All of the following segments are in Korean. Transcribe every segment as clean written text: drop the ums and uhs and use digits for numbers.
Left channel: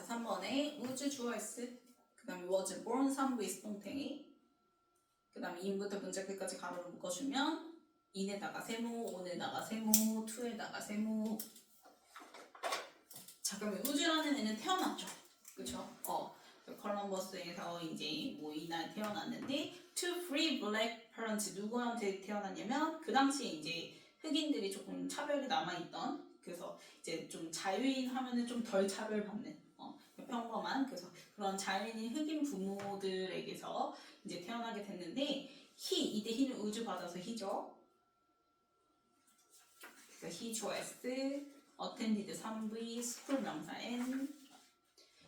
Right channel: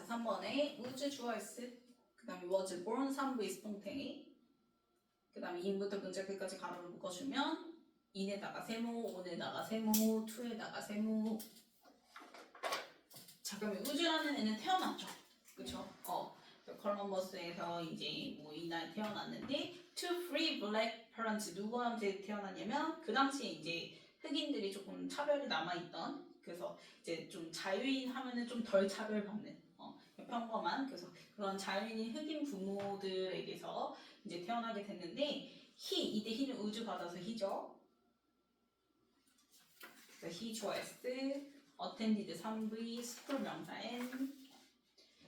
자, 3번에 우주 주어S, 그 다음에 was born 3부 이스동태기, 그 다음에 in부터 문자 끝까지 가로를 묶어주면 in에다가 세모, on에다가 세모, to에다가 세모. 자, 그러면 우주라는 애는 태어났죠. 그쵸? 콜럼버스에서 이제 뭐 이날 태어났는데 two free black parents 누구한테 태어났냐면 그 당시에 이제 흑인들이 조금 차별이 남아있던, 그래서 이제 좀 자유인 하면은 좀 덜 차별받는 평범한, 그래서 그런 자유인인 흑인 부모들에게서 이제 태어나게 됐는데 이때 he는 우주 받아서 he죠. 그래서 he chose attended 3V school 명사 N.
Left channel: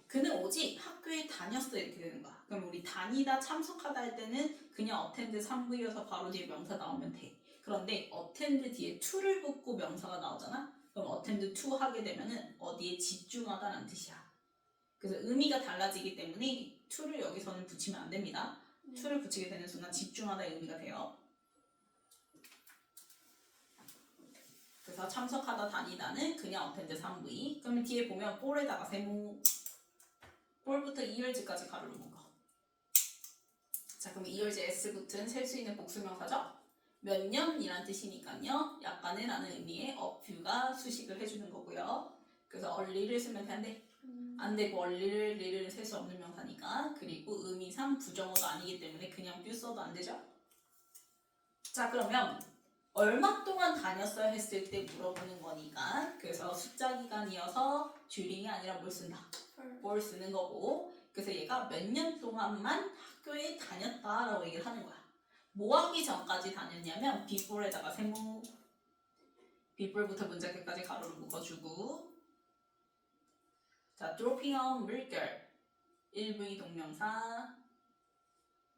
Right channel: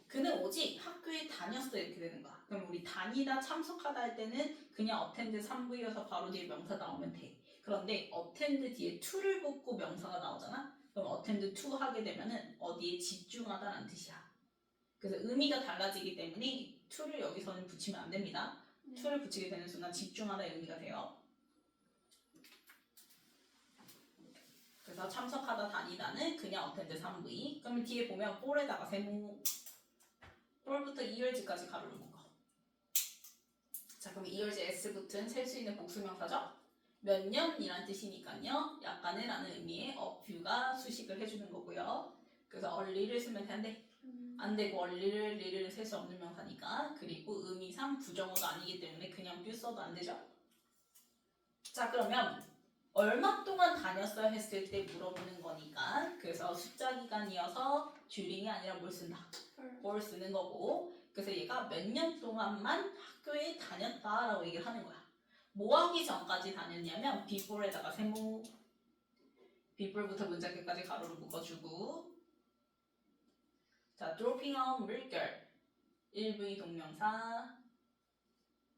그는 오직 학교에 다녔어 이렇게 되는 거야. 그럼 우리 다니다 참석하다 할 때는 그냥 attend 3V여서 바로 뒤에 명사 나오면 돼. 그런데 attend 뒤에 to를 붙고 명사가 나오잖아. 그럼 attend to 하게 되면은 어디에 집중하다라는 뜻이야. 그래서 의미가 달라지기 때문에 to를 여기서는 붙이면 안 됩니다. to를 붙이게 되는 순간 집중하다 의미가 돼요. 그래서 참석하다 다니다는 그냥 attend 3V. 그러면 뒤에 보면 for에다가 세모, for부터 2열지까지 가로를 묶어. 자, 그럼 2열지 s 붙은 셀 수 있는 복수명사죠? 몇 년이란 뜻이니까요. 약간의 라는 의미의 a few가 수식을 해주는 거고요. 그래서 early를 쓰면 되는데 안 되고 early를 셀 수 없는 명사니까. 그리고 의미상 부정어도 아니기 때문에 그냥 few 써도 안 되죠? 자, 그러면 얼마 동안 다녔어요 했을 때 물어보는 거니까, 그래서 숫자 기간이어서 during이 아니라 뭘 쓴다? for 쓰는 거고, 그래서 얘가 몇 년 동안만 학교에 다녔다라고 얘기를 하는 거야. 뭐 하기 전까지 다녔냐면 before에다가 세모, before부터 문자 끝까지 가로를 묶어주고, 자, dropping on 물결 1V 동명사,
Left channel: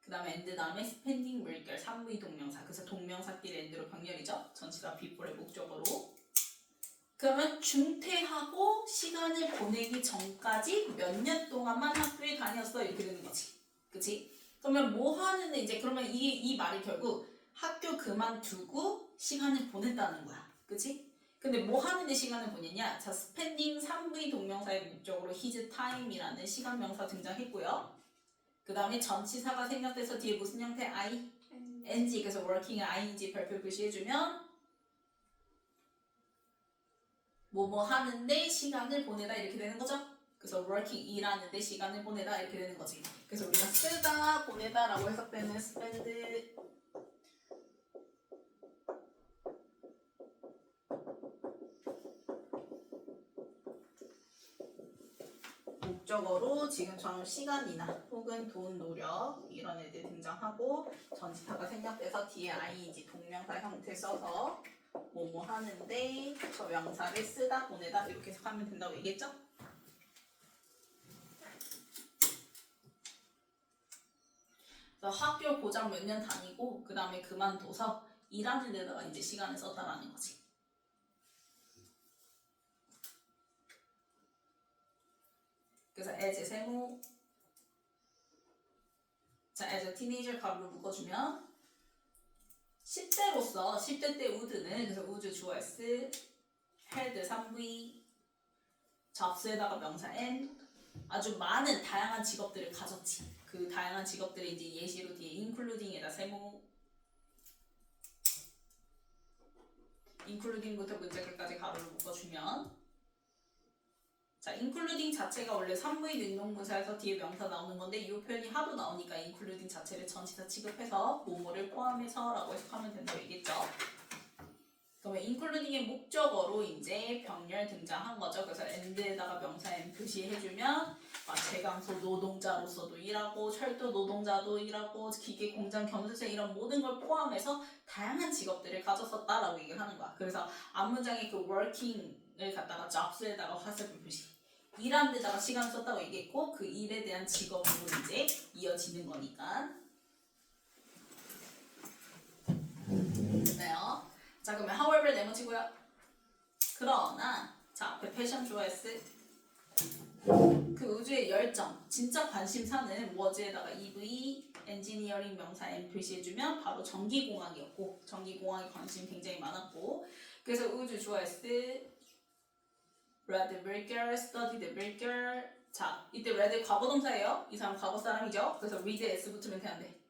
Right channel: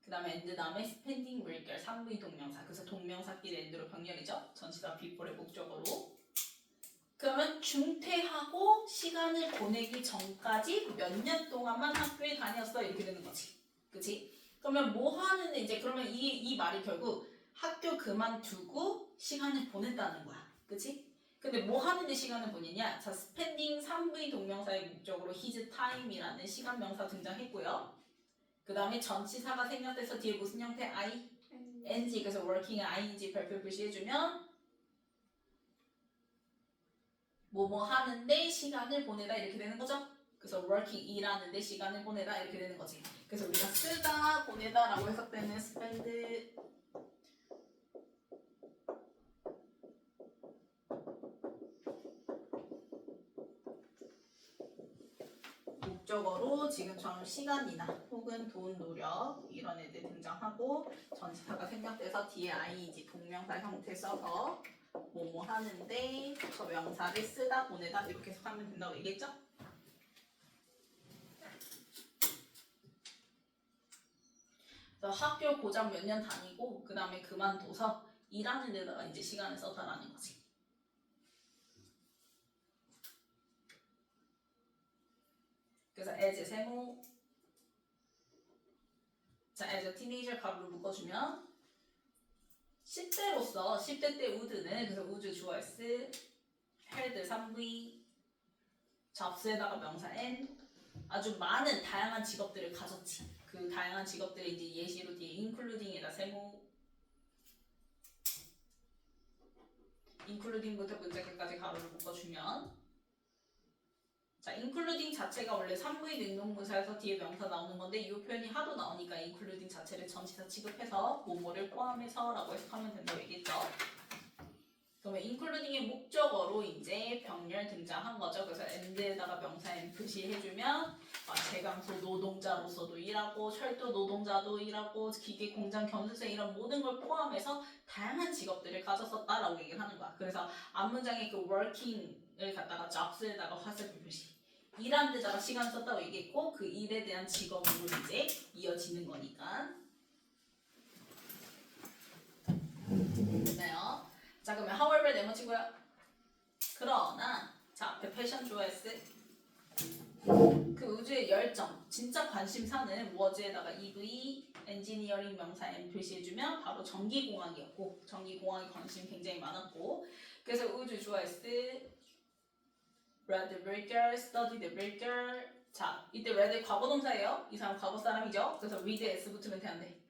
그 다음에 and 다음에 spending 물결 3V 동명사. 그래서 동명사끼리 and로 병렬이죠. 전치사 before의 목적어로. 그러면 중퇴하고 시간을 보내기 전까지 몇 년 동안만 학교에 다녔어 이렇게 되는 거지. 그치? 그러면 뭐 하는데 이제 그러면 이 말이 결국 학교 그만두고 시간을 보냈다는 거야. 그치? 근데 뭐 하는데 시간을 보내냐? 자, spending 3V 동명사의 목적으로 his time이라는 시간 명사 등장했고요. 그 다음에 전치사가 생략돼서 뒤에 무슨 형태? ing. 그래서 working을 ing 별표 표시해주면 뭐뭐 하는데 시간을 보내다 이렇게 되는 거죠. 그래서 working 일하는데 시간을 보내다 이렇게 되는 거지. 그래서 우리가 쓰다 보내다라고 해석되는 spend 목적어로 지금처럼 시간이나 혹은 돈, 노력 이런 애들 등장하고 전치사가 생략돼서 뒤에 ing 동명사 형태 써서 뭐뭐 하는데 저 명사를 쓰다 보내다 이렇게 해석하면 된다고 얘기했죠? 그래서 학교 고작 몇 년 다니고 그 다음에 그만둬서 일하는 데다가 이제 시간을 썼다라는 거지. 그래서 as 세모, 자 as a teenager 가로를 묶어주면 10대로서 10대 때 우드는 그래서 우주 주어 S, had 3V, 접수에다가 명사 N, 아주 많은 다양한 직업들을 가졌지. 그 다양한 직업들을 이제 예시로 뒤에 including에다 세모, including부터 문자 끝까지 가로를 묶어주면, 자, including 자체가 원래 3V 능동부사에서 뒤에 명사 나오는 건데 이 표현이 하도 나오니까 including 자체를 전치사 취급해서 뭐뭐를 포함해서 라고 해석하면 된다고 얘기했죠. 그러면 including의 목적어로 이제 병렬 등장한 거죠. 그래서 and에다가 명사 and 표시해주면 제강소 노동자로서도 일하고 철도 노동자도 일하고 기계 공장 견수생 이런 모든 걸 포함해서 다양한 직업들을 가졌었다라고 얘기를 하는 거야. 그래서 앞문장에 그 working을 갖다가 jobs에다가 화살표 표시, 일하는 데다가 시간을 썼다고 얘기했고 그 일에 대한 직업으로 이제 이어지는 거니까. 됐나요? 자, 그러면 however 네모치고요. 그러나 자, 앞에 패션 조회스 그 우주의 열정, 진짜 관심사는 was에다가 EV, 엔지니어링 명사 M 표시해주면 바로 전기공학이었고 전기공학에 관심 굉장히 많았고 그래서 우주 조회스 read vulgar, studied vulgar. 자, 이때 read 과거 동사예요. 이 사람 과거 사람이죠. 그래서 read s 붙으면 되는데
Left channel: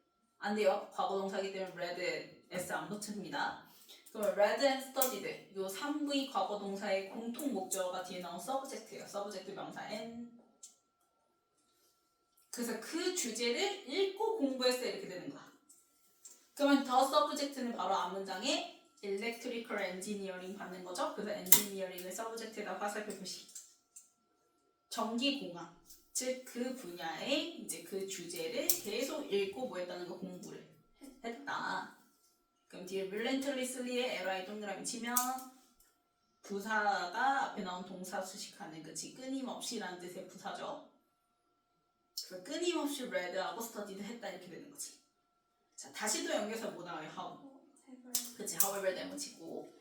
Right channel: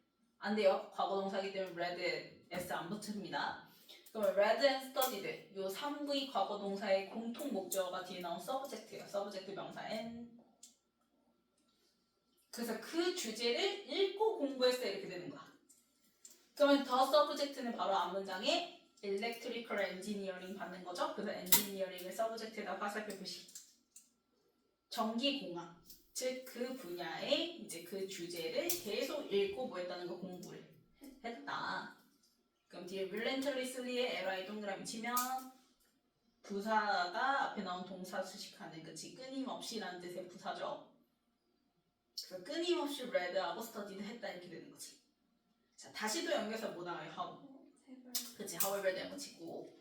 안 돼요. 과거 동사이기 때문에 read s 안 붙습니다. 그럼 read and studied 요 3V 과거 동사의 공통 목적어가 뒤에 나온 subject예요. subject 명사 n. 그래서 그 주제를 읽고 공부했어요. 이렇게 되는 거야. 그러면 더 subject는 바로 앞문장에 electrical engineering 받는 거죠. 그래서 engineering을 subject에다 화살표 표시. 전기공학. 즉 그 분야의 이제 그 주제를 계속 읽고 뭐 했다는 거 공부를 했다. 그럼 뒤에 relentlessly의 li 동그라미 치면 부사가 앞에 나온 동사 수식하는 그치 끊임없이라는 뜻의 부사죠. 그래서 끊임없이 read하고 studied 했다 이렇게 되는 거지. 자 다시 또 연결해서 뭐 나와요? how. 그치 however 네모 치고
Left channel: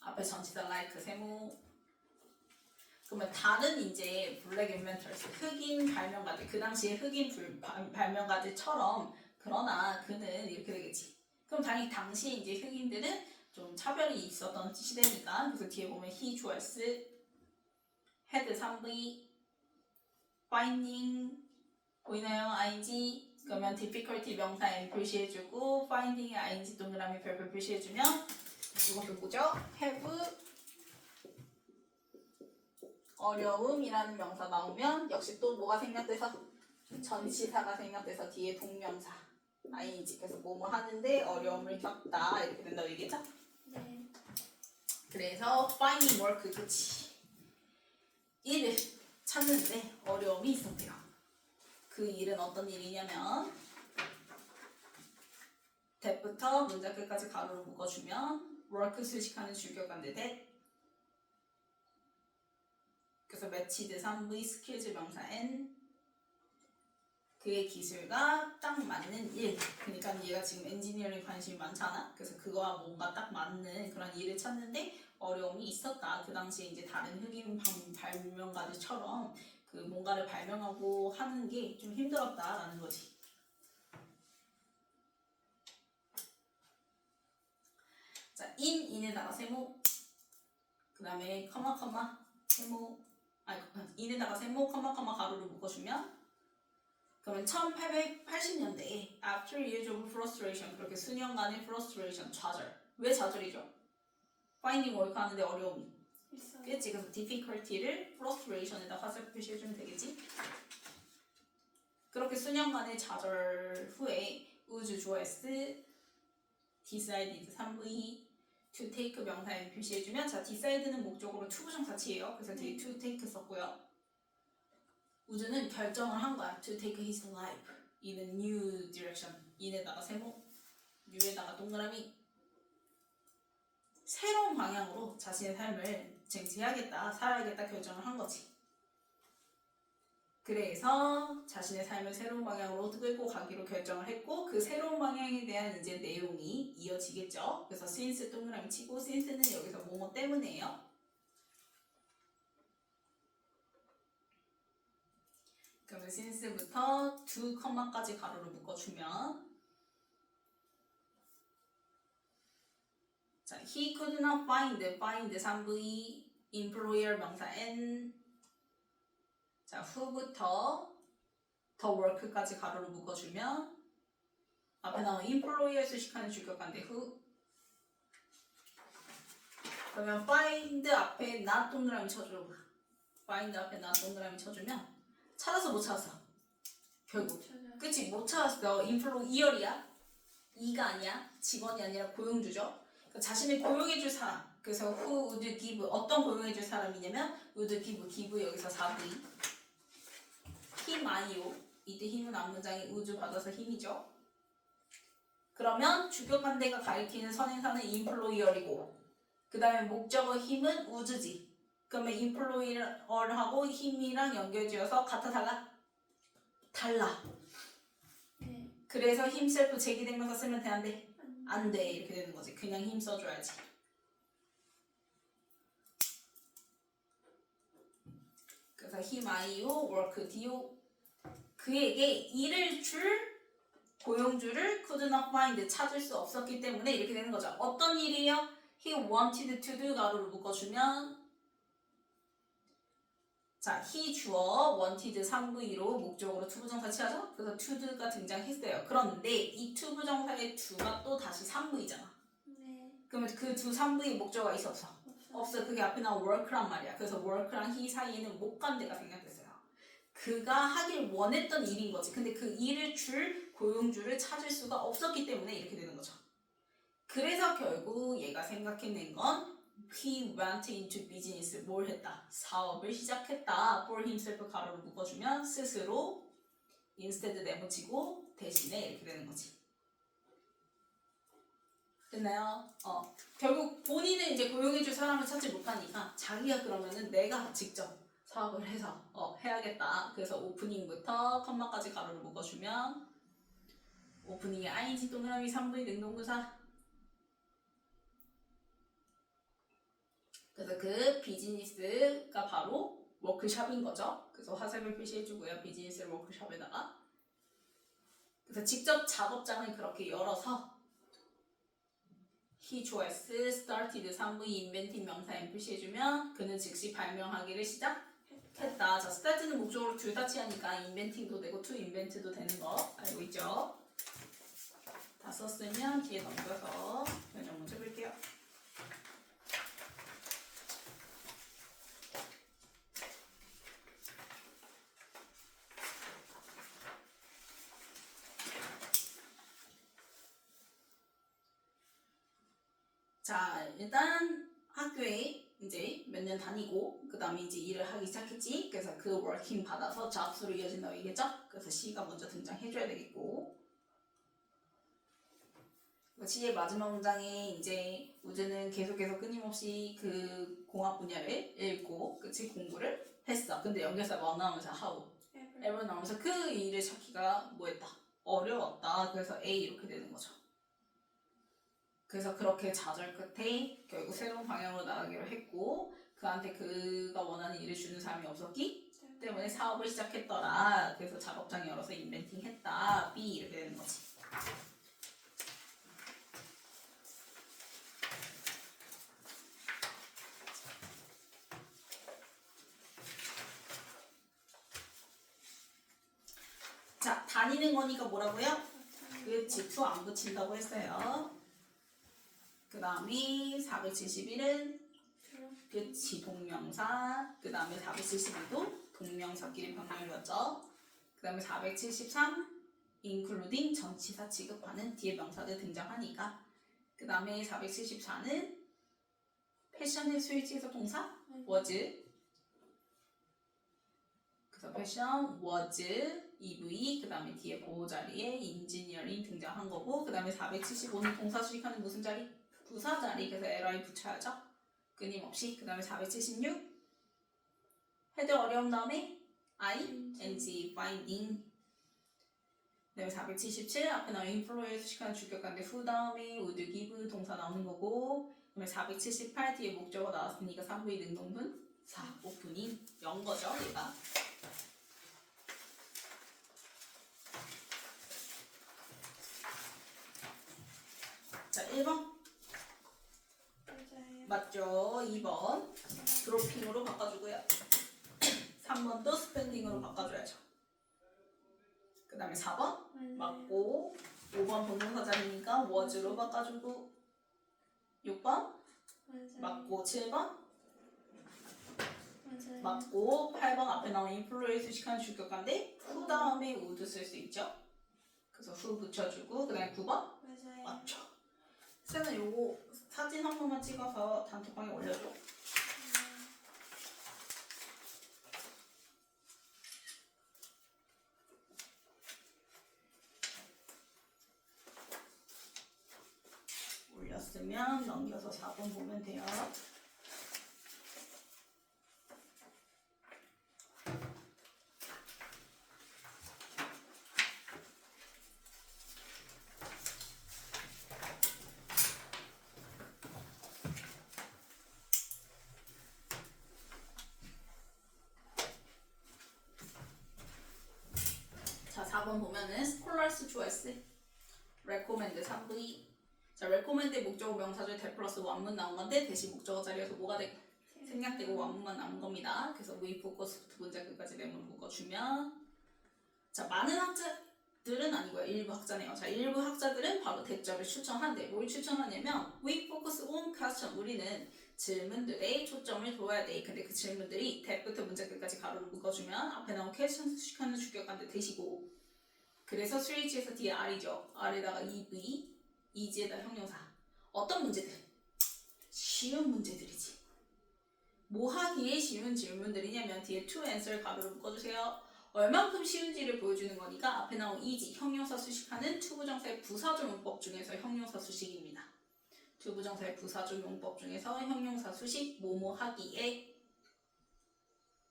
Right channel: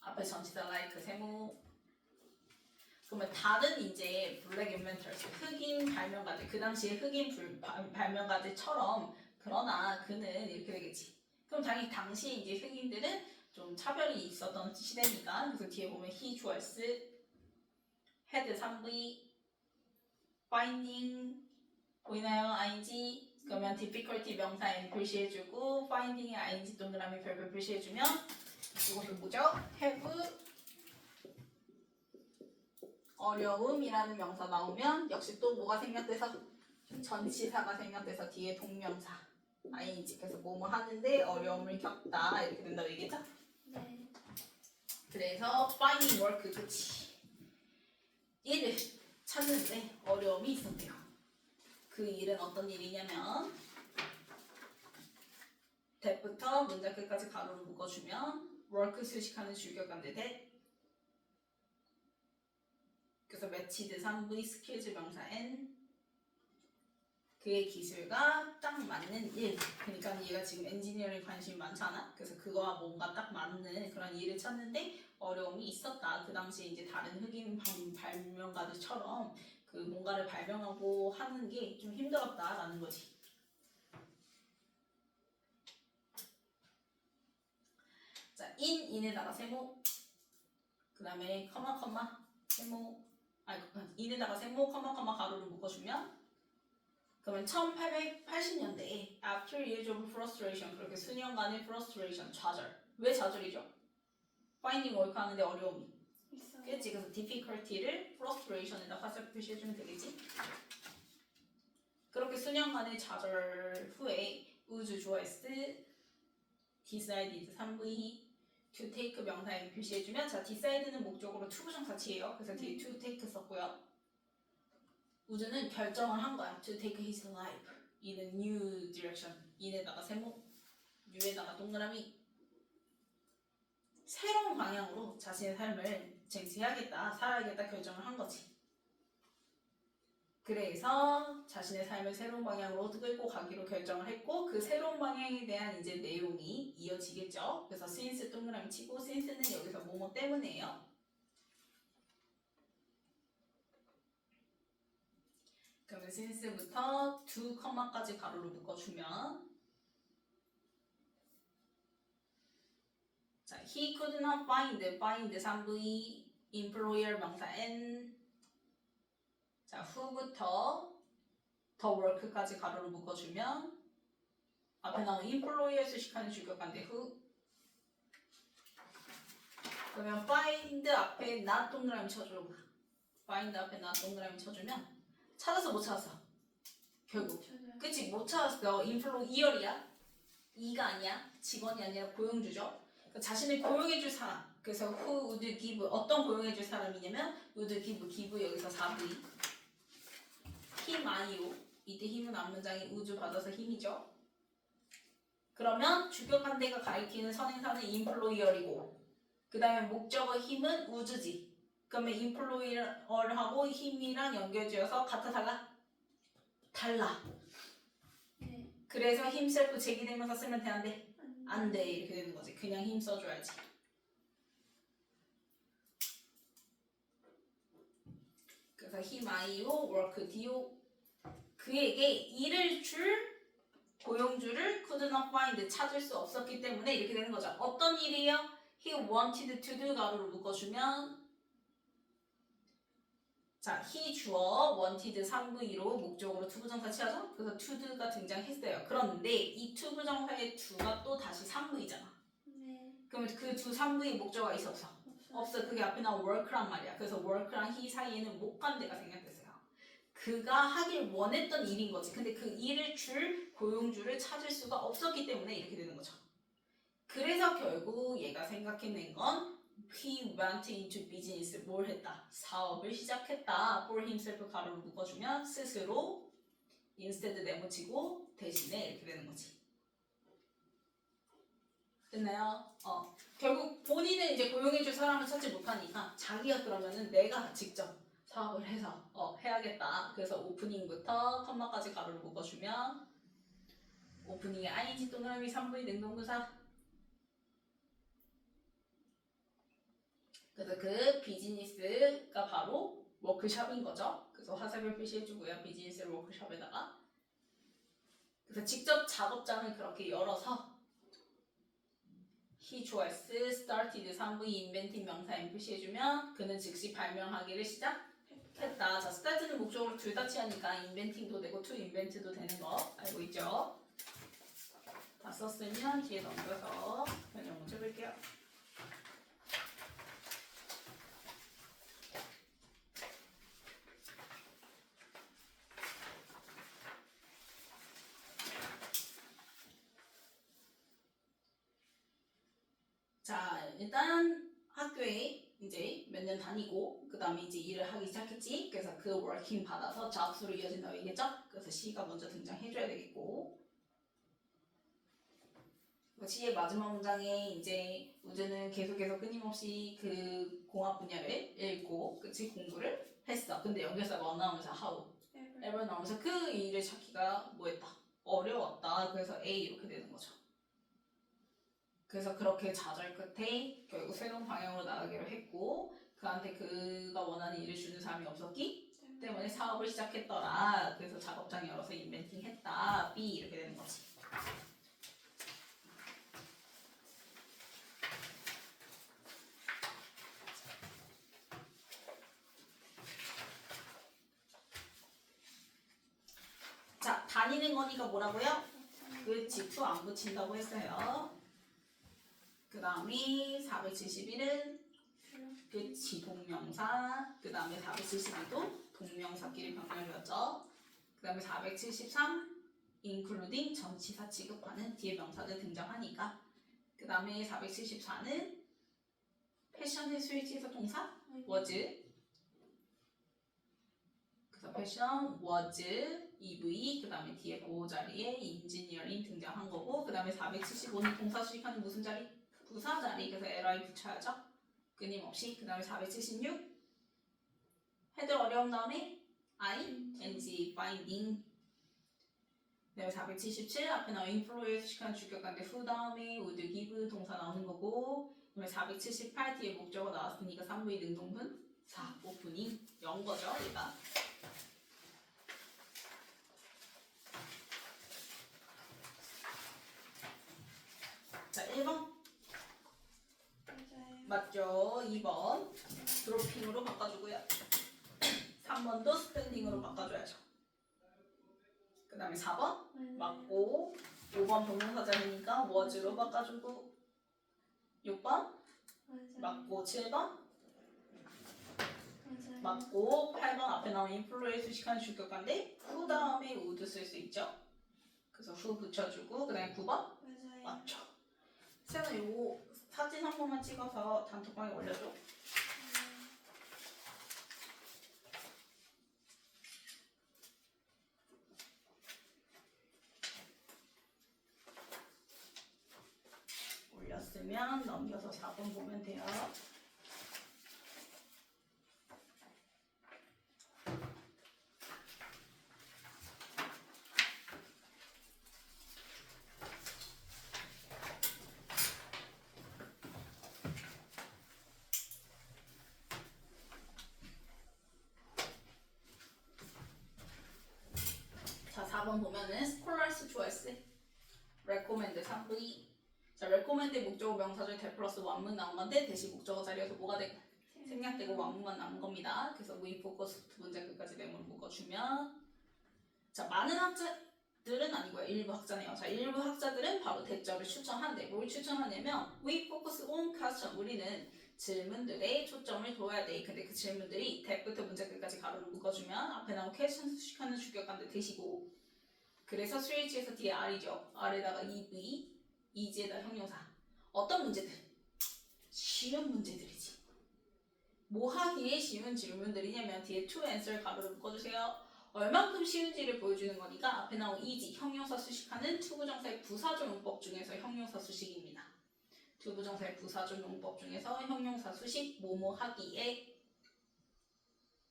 앞에 전치사 like 세모. 그러면 다른 이제 블랙 인벤터스 흑인 발명가들 그 당시에 흑인 발명가들처럼 그러나 그는 이렇게 되겠지. 그럼 당연히 당시 이제 흑인들은 좀 차별이 있었던 시대니까 그래서 뒤에 보면 he 주얼스 had 3V finding 보이나요? ing 그러면 difficulty 명사 n 표시해주고 finding의 ing 동그라미 별표 표시해주면 이것도 뭐죠? have 어려움이라는 명사 나오면 역시 또 뭐가 생략돼서 전치사가 생략돼서 뒤에 동명사 ing 그래서 뭐뭐 하는데 어려움을 겪다 이렇게 된다고 얘기했죠? 네. 그래서 finding work 그치 일을 찾는데 어려움이 있었대요. 그 일은 어떤 일이냐면 that부터 문장 끝까지 가로로 묶어주면 work 수식하는 주격관대 that 그래서 matched 3V skills 명사 n 그의 기술과 딱 맞는 일. 그러니까 얘가 지금 엔지니어링 관심이 많잖아. 그래서 그거와 뭔가 딱 맞는 그런 일을 찾는데 어려움이 있었다. 그 당시에 이제 다른 흑인 발명가들처럼 그 뭔가를 발명하고 하는 게 좀 힘들었다라는 거지. 자, in에다가 세모. 그 다음에 커마 세모. in에다가 세모 커마 가로를 묶어주면 그러면 1880년대에 after years of frustration 그렇게 수년간의 frustration 좌절 왜 좌절이죠? finding work 하는데 어려움이 그치? 그래서 difficulty를 frustration에다 화살 표시해주면 되겠지? 그렇게 수년간의 좌절 후에 우주 주어s decided 3V to take 명사에 표시해주면 자 decide는 목적으로 to 부정사치예요. 그래서 뒤에 to take 썼고요. 우주는 결정을 한 거야. To take his life in a new direction. in에다가 세모, new에다가 동그라미. 새로운 방향으로 자신의 삶을 쟁취해야겠다, 살아야겠다 결정을 한 거지. 그래서 자신의 삶을 새로운 방향으로 끌고 가기로 결정을 했고 그 새로운 방향에 대한 이제 내용이 이어지겠죠. 그래서 since 동그라미 치고 since는 여기서 뭐뭐 때문에요. 그러면 since부터 to, 컴마까지 가로로 묶어주면 자, he could not find 3V employer 명사 n 자, who부터 the work까지 가로로 묶어주면 앞에 나온 employer 수식하는 주격관대 who 그러면 find 앞에 not 동그라미 쳐줘 find 앞에 not 동그라미 쳐주면 찾았어 못 찾았어? 결국 그치 못 찾았어. employer이야 이가 아니야 직원이 아니라 고용주죠. 그러니까 자신을 고용해줄 사람 그래서 who would give 어떤 고용해줄 사람이냐면 would give 여기서 4V 힘 아니요 이때 힘은 앞문장이 우주 받아서 힘이죠. 그러면 주격관대가 가리키는 선행사는 employer이고 그 다음에 목적어 힘은 우주지. 그러면 employer하고 힘이랑 연결지어서 같아 달라? 달라. 네. 그래서 힘 셀프 제기대명사 쓰면 돼 안 돼? 안 돼 이렇게 되는 거지. 그냥 힘 써줘야지. 그래서 힘 아이오 work do 그에게 일을 줄 고용주를 could not find 찾을 수 없었기 때문에 이렇게 되는 거죠. 어떤 일이에요? He wanted to do 가로로 묶어주면 자, he 주어 wanted 3V로 목적으로 투부정사 취하죠? 그래서 to가 등장했어요. 그런데 이 투부정사의 to가 또 다시 3V잖아. 네. 그러면 그 두 3V의 목적어가 있어 없어? 없어. 그게 앞에 나온 work란 말이야. 그래서 work랑 he 사이에는 목관대가 생략됐어요. 그가 하길 원했던 일인 거지. 근데 그 일을 줄 고용주를 찾을 수가 없었기 때문에 이렇게 되는 거죠. 그래서 결국 얘가 생각해낸 건 he went into business. 뭘 했다? 사업을 시작했다. for himself 가로를 묶어주면 스스로 instead 내붙이고 대신에 이렇게 되는 거지. 됐나요? 결국 본인은 이제 고용해줄 사람을 찾지 못하니까 자기가 그러면은 내가 직접 사업을 해서 해야겠다. 그래서 오프닝부터 컴마까지 가로를 묶어주면 오프닝에 ing 동그라미 3V 능동부사. 그래서 그 비즈니스가 바로 워크숍인 거죠. 그래서 화살표 표시해주고요. 비즈니스를 워크숍에다가. 그래서 직접 작업장을 그렇게 열어서 he choice started 3V inventing 명사에 표시해주면 그는 즉시 발명하기를 시작했다. 자, start는 목적으로 둘 다 취하니까 inventing도 되고 to invent도 되는 거 알고 있죠? 다 썼으면 뒤에 넘겨서 변형 먼저 해볼게요. 자, 일단 학교에 이제 몇 년 다니고 그 다음에 이제 일을 하기 시작했지. 그래서 그 워킹 받아서 잡스로 이어진다고 얘기했죠. 그래서 C가 먼저 등장해줘야 되겠고, C의 마지막 문장에 이제 우주는 계속해서 끊임없이 그 공학 분야를 읽고 그치 공부를 했어. 근데 연결사가 뭐 나오면서 how, ever 나오면서 그 일을 찾기가 뭐했다? 어려웠다. 그래서 A 이렇게 되는 거죠. 그래서 그렇게 좌절 끝에 결국 새로운 방향으로 나가기로 했고 그한테 그가 원하는 일을 주는 사람이 없었기 때문에 사업을 시작했더라. 그래서 작업장 열어서 인벤팅 했다. B 이렇게 되는 거지. 자, 다니는 거니까 뭐라고요? 그치, to 안 붙인다고 했어요. 그 다음에 471은 그치, 동명사. 그 다음에 472도 동명사끼리 변형을 줬죠. 그 다음에 473 including 전치사 취급하는 뒤에 명사들 등장하니까. 그 다음에 474는 패션의 스위치에서 동사 was. 그래서 패션 was EV. 그 다음에 뒤에 보호 자리에 인지니어링 등장한 거고. 그 다음에 475는 동사 수식하는 무슨 자리? 부사 자리. 그래서 li 붙여야죠. 끊임없이. 그 다음에 476 헤드 어려운 다음에 ing finding. 그 다음에 477 앞에 나온 인플로에 수식하는 주격관데 who 다음에 would give 동사 나오는 거고. 그 다음에 478 뒤에 목적어 나왔으니까 3부의 능동분 4 오프닝 연 거죠 얘가. 자 1번 맞죠? 2번 드로핑으로 바꿔주고요. 3번도 스펜딩으로 바꿔줘야죠. 그 다음에 4번 맞고 5번 동명사 자리니까 was로 바꿔주고 6번 맞고 7번 맞고 8번 앞에 나온 인플루에 수식한 주격관데 who 다음에 would 쓸 수 있죠. 그래서 who 붙여주고 그 다음에 9번 맞죠. 쌤은 요거 사진 한 번만 찍어서 단톡방에 올려줘. 올렸으면 넘겨서 4번 보면 돼요. 자, 4번 보면은 스콜라스 초이스 레코멘드 3V. 자, 레코멘드 목적어 명사절 대 플러스 원문 나온 건데 대신 목적어 자리에서 뭐가 되고 생략되고 완문만 남은 겁니다. 그래서 we focus부터 문장 끝까지 내용을 묶어주면 자 많은 학자들은 아니고요. 일부 학자네요. 자 일부 학자들은 바로 대절을 추천한대. 뭘 추천하냐면 we focus on question. 우리는 질문들에 초점을 둬야 돼. 근데 그 질문들이 대부터 문장 끝까지 가로를 묶어주면 앞에 나온 question 수식하는 주격관들 대시고 그래서 스위치에서 뒤에 R이죠. R에다가 EV, EG에다 형용사. 어떤 문제들? 쉬운 문제들이지. 뭐 하기에 쉬운 질문들이냐면 뒤에 to answer 가로를 묶어주세요. 얼만큼 쉬운지를 보여주는 거니까 앞에 나온 EG, 형용사 수식하는 투부정사의 부사조 문법 중에서 형용사 수식입니다. 투부정사의 부사조 문법 중에서 형용사 수식 뭐뭐 하기에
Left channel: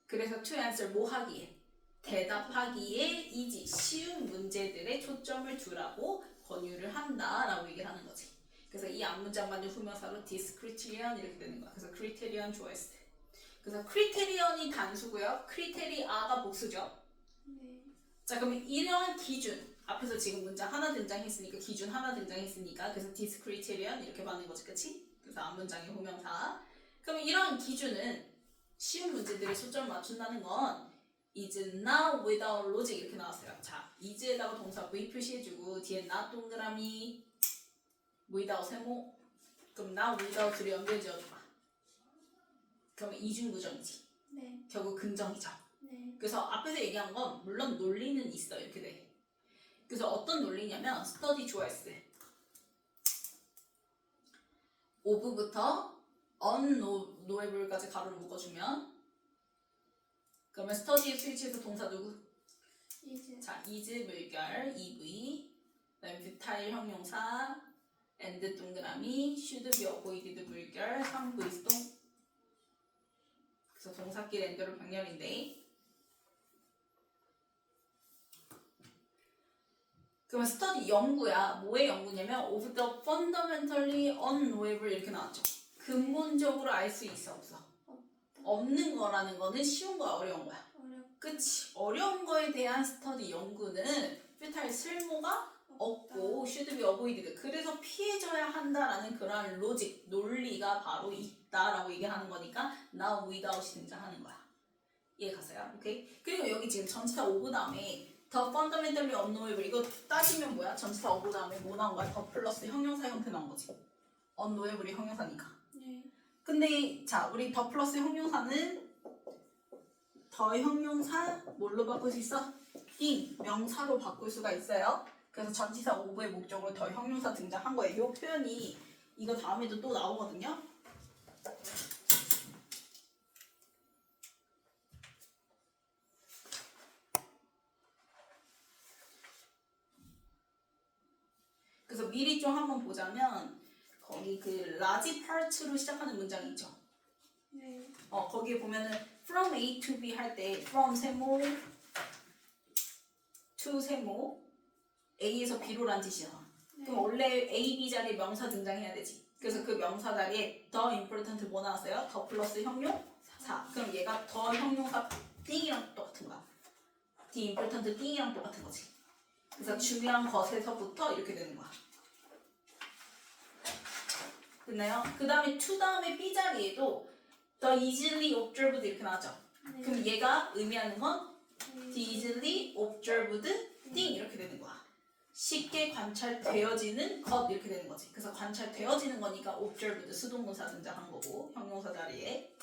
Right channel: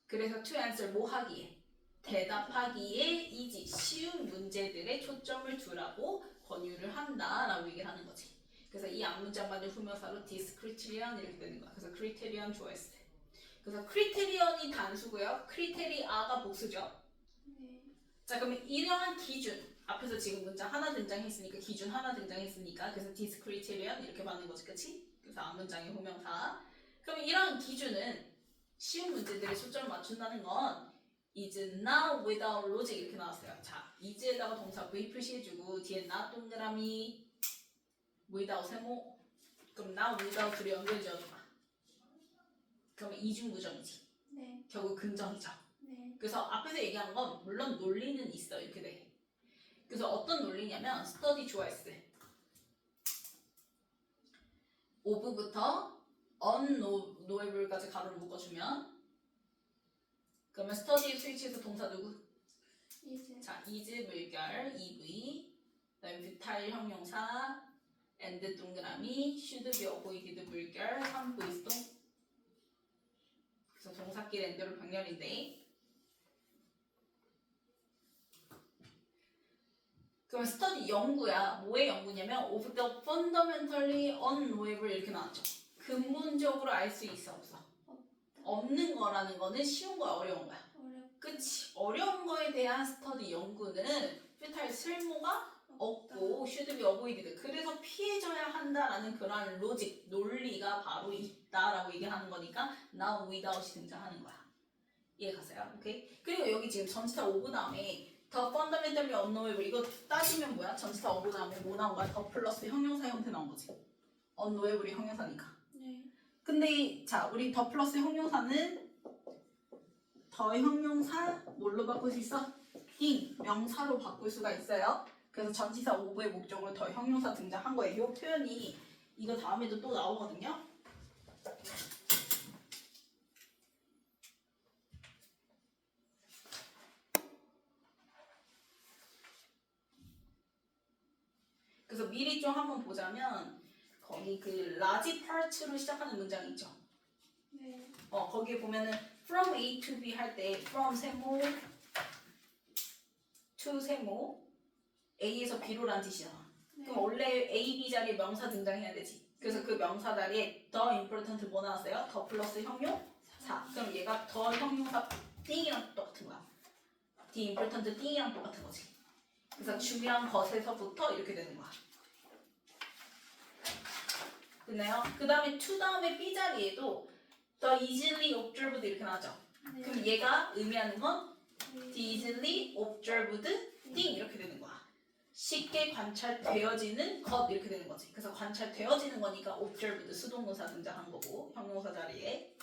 그래서 to answer 뭐 하기에 대답하기에 EG 쉬운 문제들에 초점을 두라고 권유를 한다라고 얘기를 하는 거지. 그래서 이 앞문장만을 후명사로 this criterion 이렇게 되는 거야. 그래서 criterion 좋아했을 때. 그래서 크리테리언이 단수고요. 크리테리아가 복수죠. 네. 자 그러면 이러한 기준 앞에서 지금 문장 하나 등장했으니까 기준 하나 등장했으니까 그래서 this criterion 이렇게 받는 거지, 그치? 그래서 앞문장의 후명사. 그럼 이러한 기준은 쉬운 문제들에 초점을 맞춘다는 건 is not without logic 이렇게 나왔어요. 자 is에다가 동사 v 표시해주고 뒤에 not 동그라미 without 세모 그럼 not without 둘이 연결지어줘봐. 그러면 이중부정이지. 네. 결국 긍정이죠. 네. 그래서 앞에서 얘기한 건 물론 논리는 있어 이렇게 돼. 그래서 어떤 논리냐면 스터디 좋아했을 of부터 unknowable까지 가로를 묶어주면 그러면 스터디의 스위치에서 동사 누구? 이제. 자 is 물결 EV 그다음에 futile 형용사 and 동그라미 should be avoided 물결 3부이동 그래서 동사끼리 엔드로 병렬인데 그러면 스터디 연구야. 뭐의 연구냐면 of the fundamentally unknowable 이렇게 나왔죠. 근본적으로 알 수 있어 없어? 없는 거라는 거는 쉬운 거야 어려운 거야? 그치. 어려운 거에 대한 스터디 연구는 futile 쓸모가 없고 should be avoided 그래서 피해져야 한다라는 그런 로직, 논리가 바로 있다라고 얘기하는 거니까 now without이 등장하는 거야. 이해 갔어요? 오케이? 그리고 여기 지금 전치사 오브 다음에 더 fundamentally unknowable 이거 따지면 뭐야? 전치사 오브 다음에 뭐 나온 거야? 더 플러스 형용사 형태 나온 거지. unknowable이 형용사니까. 네. 근데 자 우리 더 플러스 형용사는 더 형용사 뭘로 바꿀 수 있어? 띵 명사로 바꿀 수가 있어요. 그래서 전치사 오브의 목적으로 더 형용사 등장한 거예요. 이 표현이 이거 다음에도 또 나오거든요. 그래서 미리 좀 한번 보자면 거기 그 라지 파트로 시작하는 문장이 있죠. 네. 거기에 보면은 from A to B 할 때 from 세모 to 세모 A에서 B로란 뜻이잖아. 그럼 원래 A, B 자리에 명사 등장해야 되지. 그래서 그 명사 자리에 더 important 뭐 나왔어요? 더 플러스 형용사. 그럼 얘가 더 형용사 띵이랑 똑같은 거야. the important 띵이랑 똑같은 거지. 그래서 중요한 것에서부터 이렇게 되는 거야. 됐나요? 그 다음에 to 다음에 B 자리에도 the easily observed 이렇게 나왔죠. 네. 그럼 얘가 의미하는 건 the easily observed thing 이렇게 되는 거야. 쉽게 관찰되어지는 것 이렇게 되는 거지. 그래서 관찰되어지는 거니까 observed 수동동사 등장한 거고 형용사 자리에.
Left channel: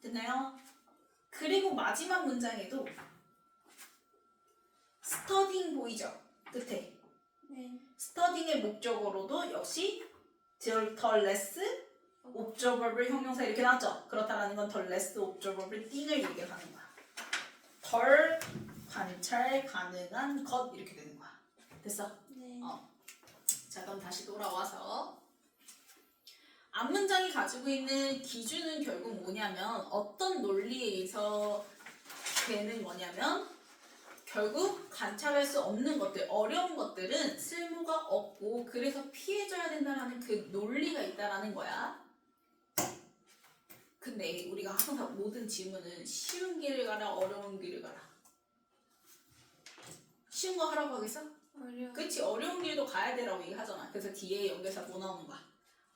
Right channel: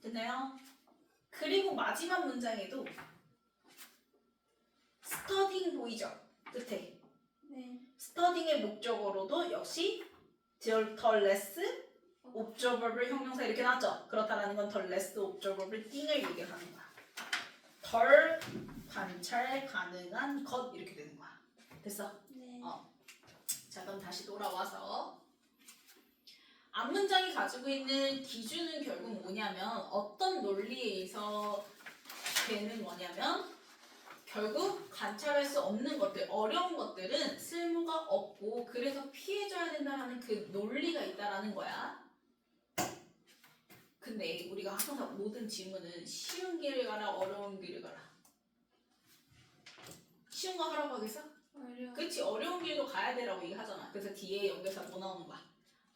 됐나요? 그리고 마지막 문장에도 studying 보이죠? 끝에. 네. studying의 목적어로도 역시 더 less observable 형용사 이렇게 나왔죠? 그렇다라는 건 더 less observable thing을 얘기하는 거야. 덜 관찰 가능한 것 이렇게 되는 거야. 됐어? 네. 자 그럼 다시 돌아와서 앞문장이 가지고 있는 기준은 결국 뭐냐면 어떤 논리에 의해서 되는 거냐면 결국 관찰할 수 없는 것들, 어려운 것들은 쓸모가 없고 그래서 피해줘야 된다는 그 논리가 있다라는 거야. 근데 우리가 항상 모든 질문은 쉬운 길을 가라 어려운 길을 가라. 쉬운 거 하라고 하겠어? 어려워. 그치 어려운 길도 가야 되라고 얘기하잖아. 그래서 뒤에 연결사 뭐 나오는 거야?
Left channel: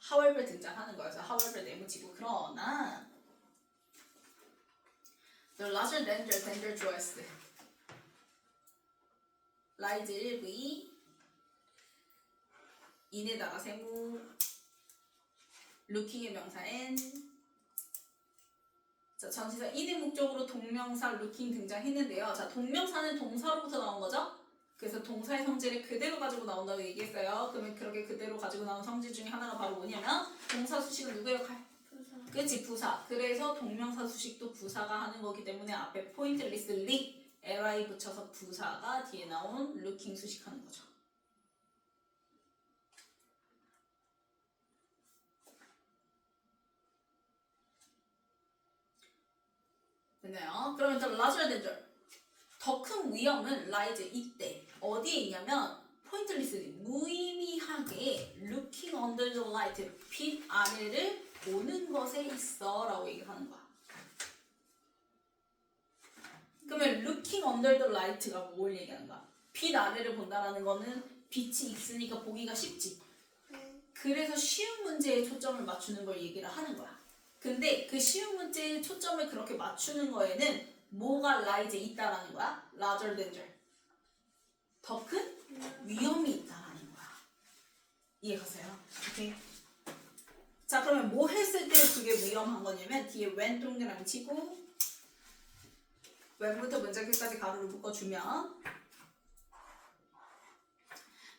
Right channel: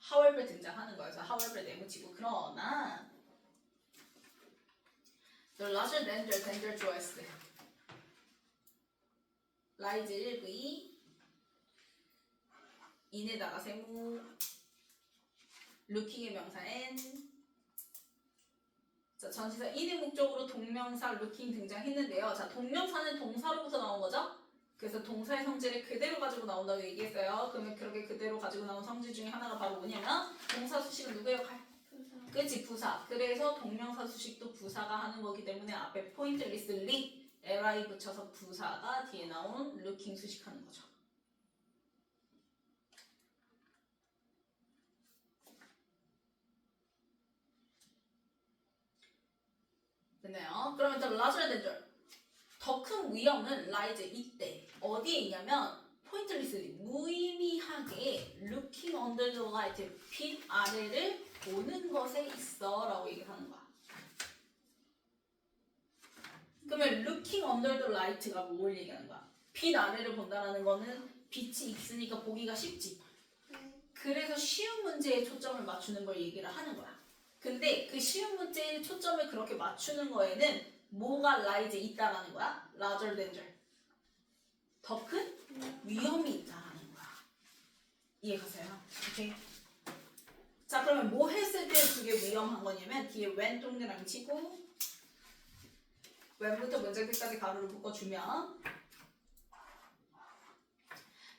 however 등장하는 거야. 그래서 however 네모치고 그러나 the larger than 좋아했을 때 라이즈 1v 인에다가 세모 루킹의 명사 n 자 전치사 인의 목적으로 동명사 looking 등장했는데요. 자 동명사는 동사로부터 나온 거죠. 그래서 동사의 성질을 그대로 가지고 나온다고 얘기했어요. 그러면 그렇게 그대로 가지고 나온 성질 중에 하나가 바로 뭐냐면 동사 수식은 누구 역할? 부사. 그치 부사. 그래서 동명사 수식도 부사가 하는 거기 때문에 앞에 포인트리스 리 li 붙여서 부사가 뒤에 나온 looking 수식하는 거죠. 됐나요? 그러면 또 larger than 더 큰 위험은 라이즈 이때 어디에 있냐면 포인트리스 무의미하게 looking under the light 빛 아래를 보는 것에 있어 라고 얘기하는 거야. 그러면 looking under the light가 뭘 얘기하는 거야? 빛 아래를 본다라는 거는 빛이 있으니까 보기가 쉽지. 네. 그래서 쉬운 문제에 초점을 맞추는 걸 얘기를 하는 거야. 근데 그 쉬운 문제에 초점을 그렇게 맞추는 거에는 뭐가 라이즈에 있다라는 거야? larger than 더 큰 위험이 있다라는 거야. 이해가세요? 오케이. 자 그러면 뭐 했을 때 그게 위험한 거냐면 뒤에 when 동그라미 치고 when부터 문장 끝까지 가로를 묶어주면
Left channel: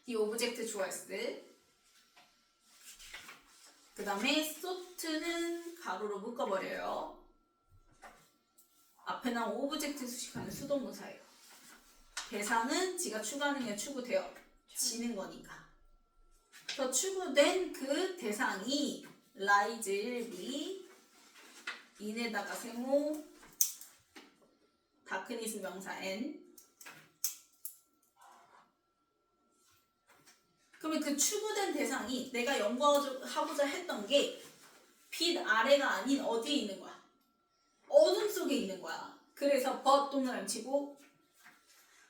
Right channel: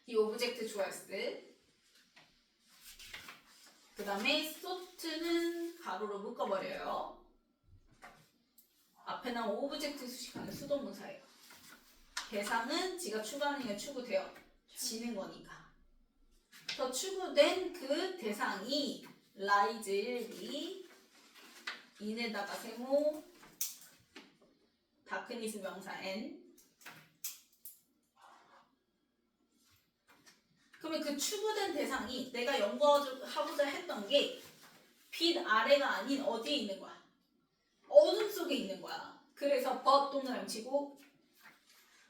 이 오브젝트 주어스 그 다음에 소트는 가로로 묶어버려요. 앞에 나온 오브젝트 수식하는 수동문사예요. 대상은 지가 추가하는 추구되어 지는 거니까. 더 추구된 그 대상이 라이즈 1비 인에다가 세모 다크니스 명사 n 그러면 그 추구된 대상이 내가 연구하고자 했던 게 빛 아래가 아닌 어디에 있는 거야? 어둠 속에 있는 거야. 그래서 but 동그라미 치고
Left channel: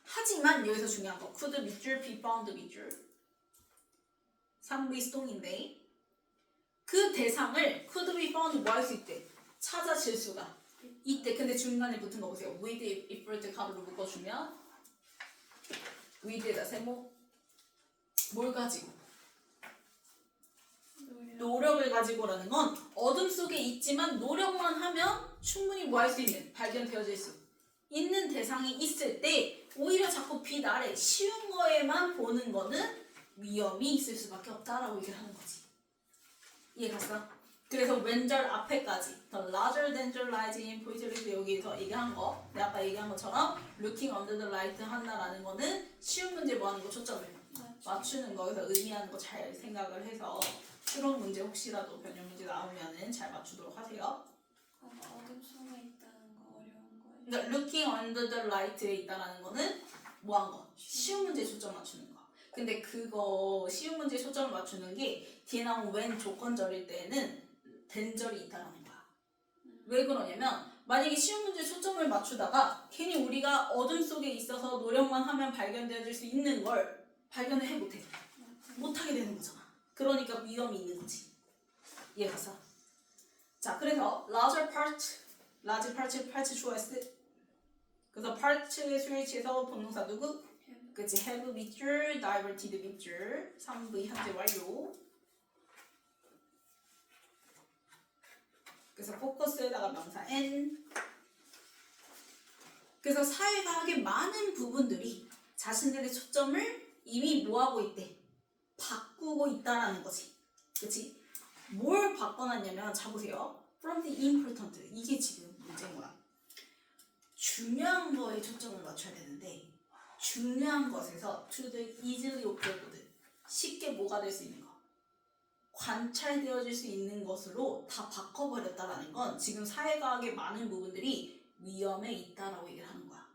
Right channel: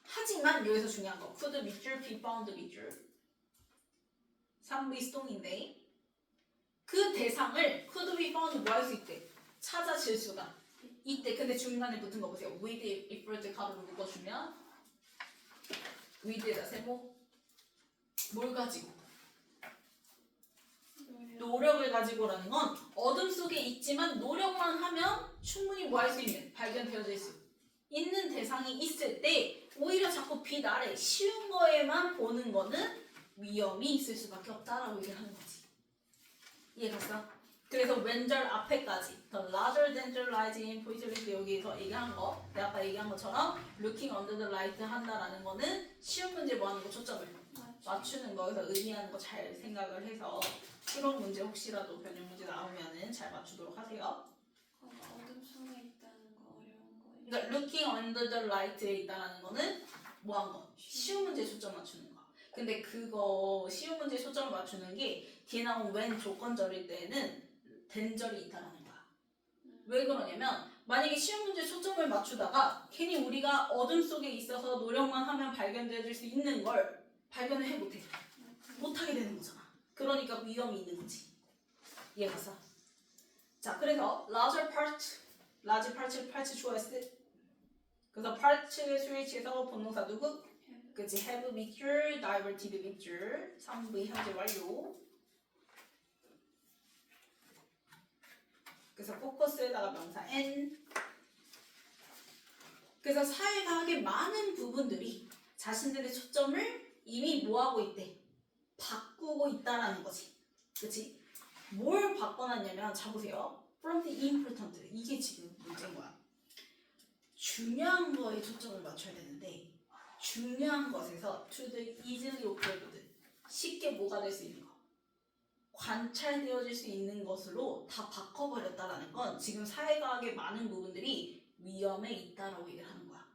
하지만 여기서 중요한 거 could 밑줄 be found 밑줄 3V 수동인데 그 대상을 could be found 뭐 할 수 있대? 찾아질 수가 있대. 근데 중간에 붙은 거 보세요. with if 가로로 묶어주면 with에다 세모 뭘 가지고? 노력을 가지고라는 건 어둠 속에 있지만 노력만 하면 충분히 뭐 할 수 있는 발견되어질 수 있는 대상이 있을 때 오히려 자꾸 빛 아래 쉬운 거에만 보는 거는 위험이 있을 수밖에 없다라고 얘기를 하는 거지. 이해갔어? 그래서 왼절 앞에까지 the larger than the light in 포인트리스 여기서 얘기한 거 내가 아까 얘기한 것처럼 looking under the light 한다라는 거는 쉬운 문제 뭐 하는 거 초점을 맞추는 거에서 의미하는 거 잘 생각을 해서 실험 문제 혹시라도 변형 문제 나오면은 잘 맞추도록 하세요. 어둠 속에 있다는 거 어려운 거예요. 그러니까 looking under the light에 있다라는 거는 뭐 한 거? 쉬운 문제 초점 맞추는 거. 근데 그거 쉬운 문제 초점을 맞추는 게 뒤에 나온 when 조건절일 때는 된절이 있다라는 거야. 왜 그러냐면 만약에 쉬운 문제 초점을 맞추다가 괜히 우리가 어둠 속에 있어서 노력만 하면 발견되어질 수 있는 걸 발견을 못해. 못하게 되는 거잖아. 그러니까 위험이 있는 거지. 이해갔어? 자, 그래서 larger part 주어스. 그래서 part의 수일치에서 본동사 누구? 그치, have 밑줄, diverted 밑줄, 3V 현재 완료. 그래서 포커스에다가 명사 n. 그래서 사회과학의 많은 부분들이 자신들의 초점을 이미 뭐하고 있대? 바꾸고 있다라는 거지. 그치? 뭘 바꿔놨냐면 자 보세요. From the important 이게 지금 문제인 거야. 중요한 거에 초점을 맞춰야 되는데 중요한 것에서 to the easily observed 쉽게 뭐가 될 수 있는 거 관찰되어질 수 있는 것으로 다 바꿔버렸다라는 건 지금 사회과학의 많은 부분들이 위험에 있다라고 얘기를 하는 거야.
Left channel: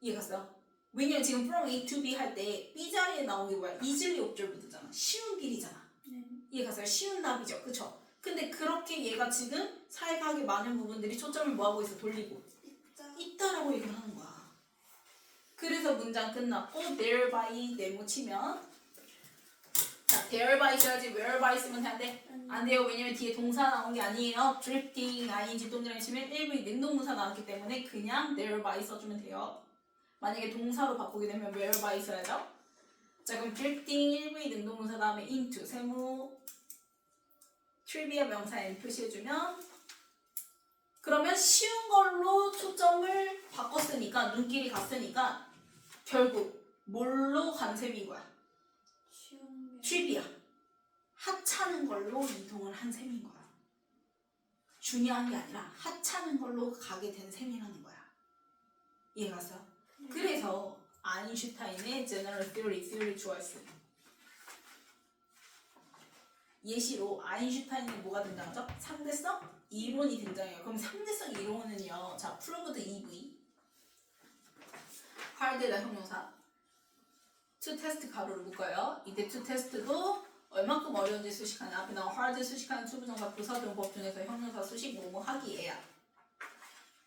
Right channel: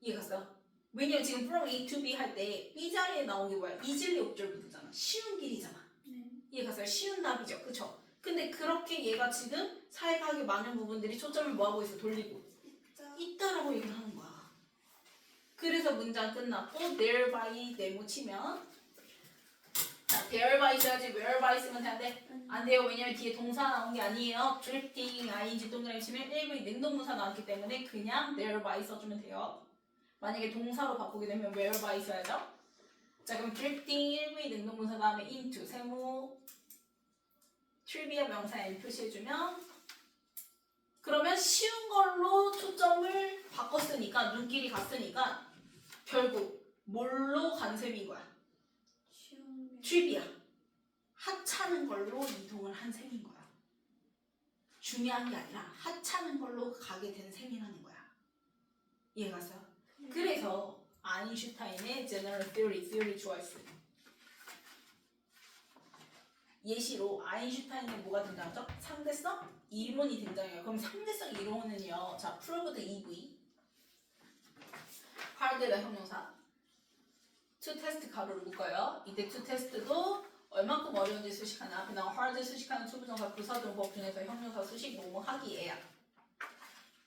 이해갔어요? 왜냐면 지금 from A to B 할 때 B 자리에 나온 게 뭐야? easily observed잖아. 쉬운 길이잖아. 이해갔어요? 쉬운 답이죠. 그쵸? 근데 그렇게 얘가 지금 사회과학의 많은 부분들이 초점을 뭐하고 있어? 돌리고 있다라고 얘기를 하는 거야. 그래서 문장 끝났고 thereby 네모 치면 자, there by 써야지 where by 쓰면 돼야 돼? 안 돼요. 왜냐면 뒤에 동사 나온 게 아니에요. drifting, ing 동그라미 치면 1부 능동문사 나왔기 때문에 그냥 there by 써주면 돼요. 만약에 동사로 바꾸게 되면 where by 써야죠. 자, 그럼 drifting 1부의 능동문사 다음에 into 세무 트리비아 명사 n 표시해주면 그러면 쉬운 걸로 초점을 바꿨으니까 눈길이 갔으니까 결국 뭘로 간 셈인 거야? 쉬운 게 트리비아 하찮은 걸로 이동을 한 셈인 거야. 중요한 게 아니라 하찮은 걸로 가게 된 셈이라는 거야. 이해가 갔어요? 그래서 아인슈타인의 General Theory 주어였어. 예시로 아인슈타인의 뭐가 등장하죠? 상대성 이론이 등장해요. 그럼 상대성 이론은요. 자, proved EV 하드의 형용사 to test 가로를 묶어요. 이때 to test도 얼만큼 어려운지 수식하는 앞에 나온 hard 수식하는 투부정사 부사용법 중에서 형용사 수식 뭐뭐 하기예요.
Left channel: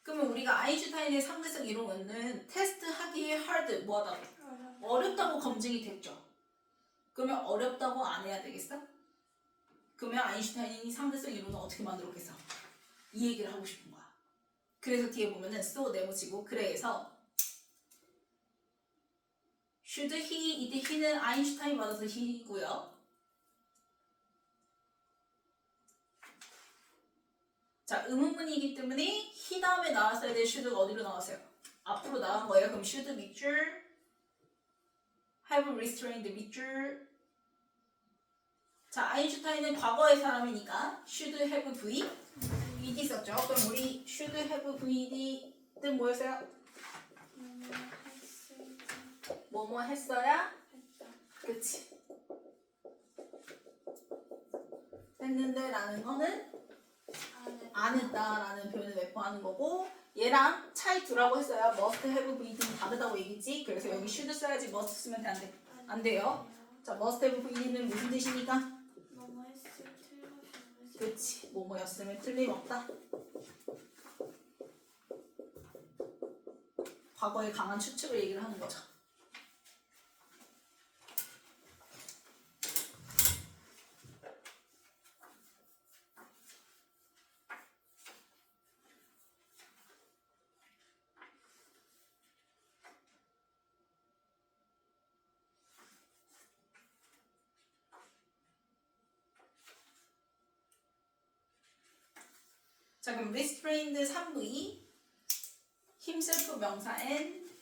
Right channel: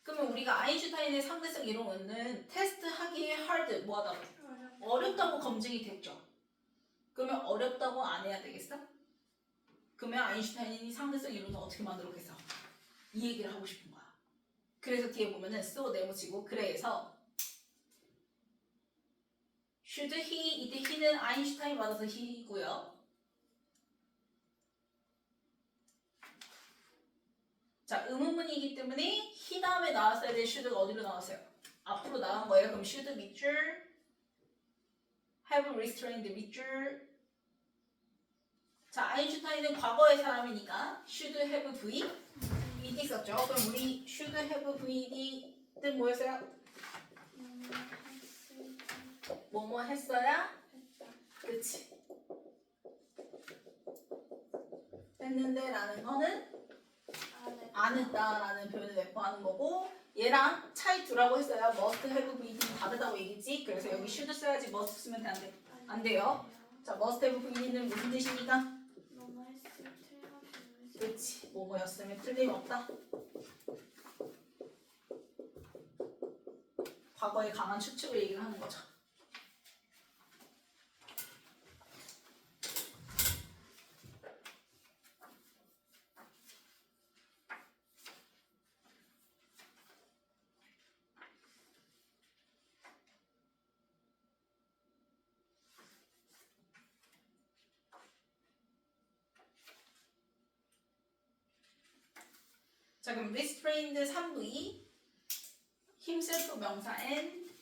그러면 우리가 아인슈타인의 상대성 이론은 테스트 하기에 hard 뭐하다고? 어렵다고 검증이 됐죠. 그러면 어렵다고 안 해야 되겠어? 그러면 아인슈타인이 상대성 이론을 어떻게 만들었겠어? 이 얘기를 하고 싶은 거야. 그래서 뒤에 보면은 so 네모치고 그래서 should he 이때 he는 아인슈타인 받아서 he이고요. 자, 의문문이기 때문에 he 다음에 나왔어야 될 should가 어디로 나왔어요? 앞으로 나온 거예요. 그럼 should 밑줄 have restrained 밑줄. 자, 아인슈타인은 과거의 사람이니까 should have VED 썼죠. 그럼 우리 should have VED 뜻 뭐였어요? 뭐뭐 했어야? 그치. 했는데 라는 거는 안 했다라는 표현을 내포하는 거고 얘랑 차이 두라고 했어요. must have VED는 다르다고 얘기했지. 그래서 여기 should 써야지 must 쓰면 돼, 안 돼? 안 돼요. 자, must have VED는 무슨 뜻이니까? 뭐뭐 했을 틀림없이 그치. 뭐뭐였으면 틀림없다. 과거의 강한 추측을 얘기를 하는 거죠. 자, 그럼 restrained 3V 힘셀프 명사 n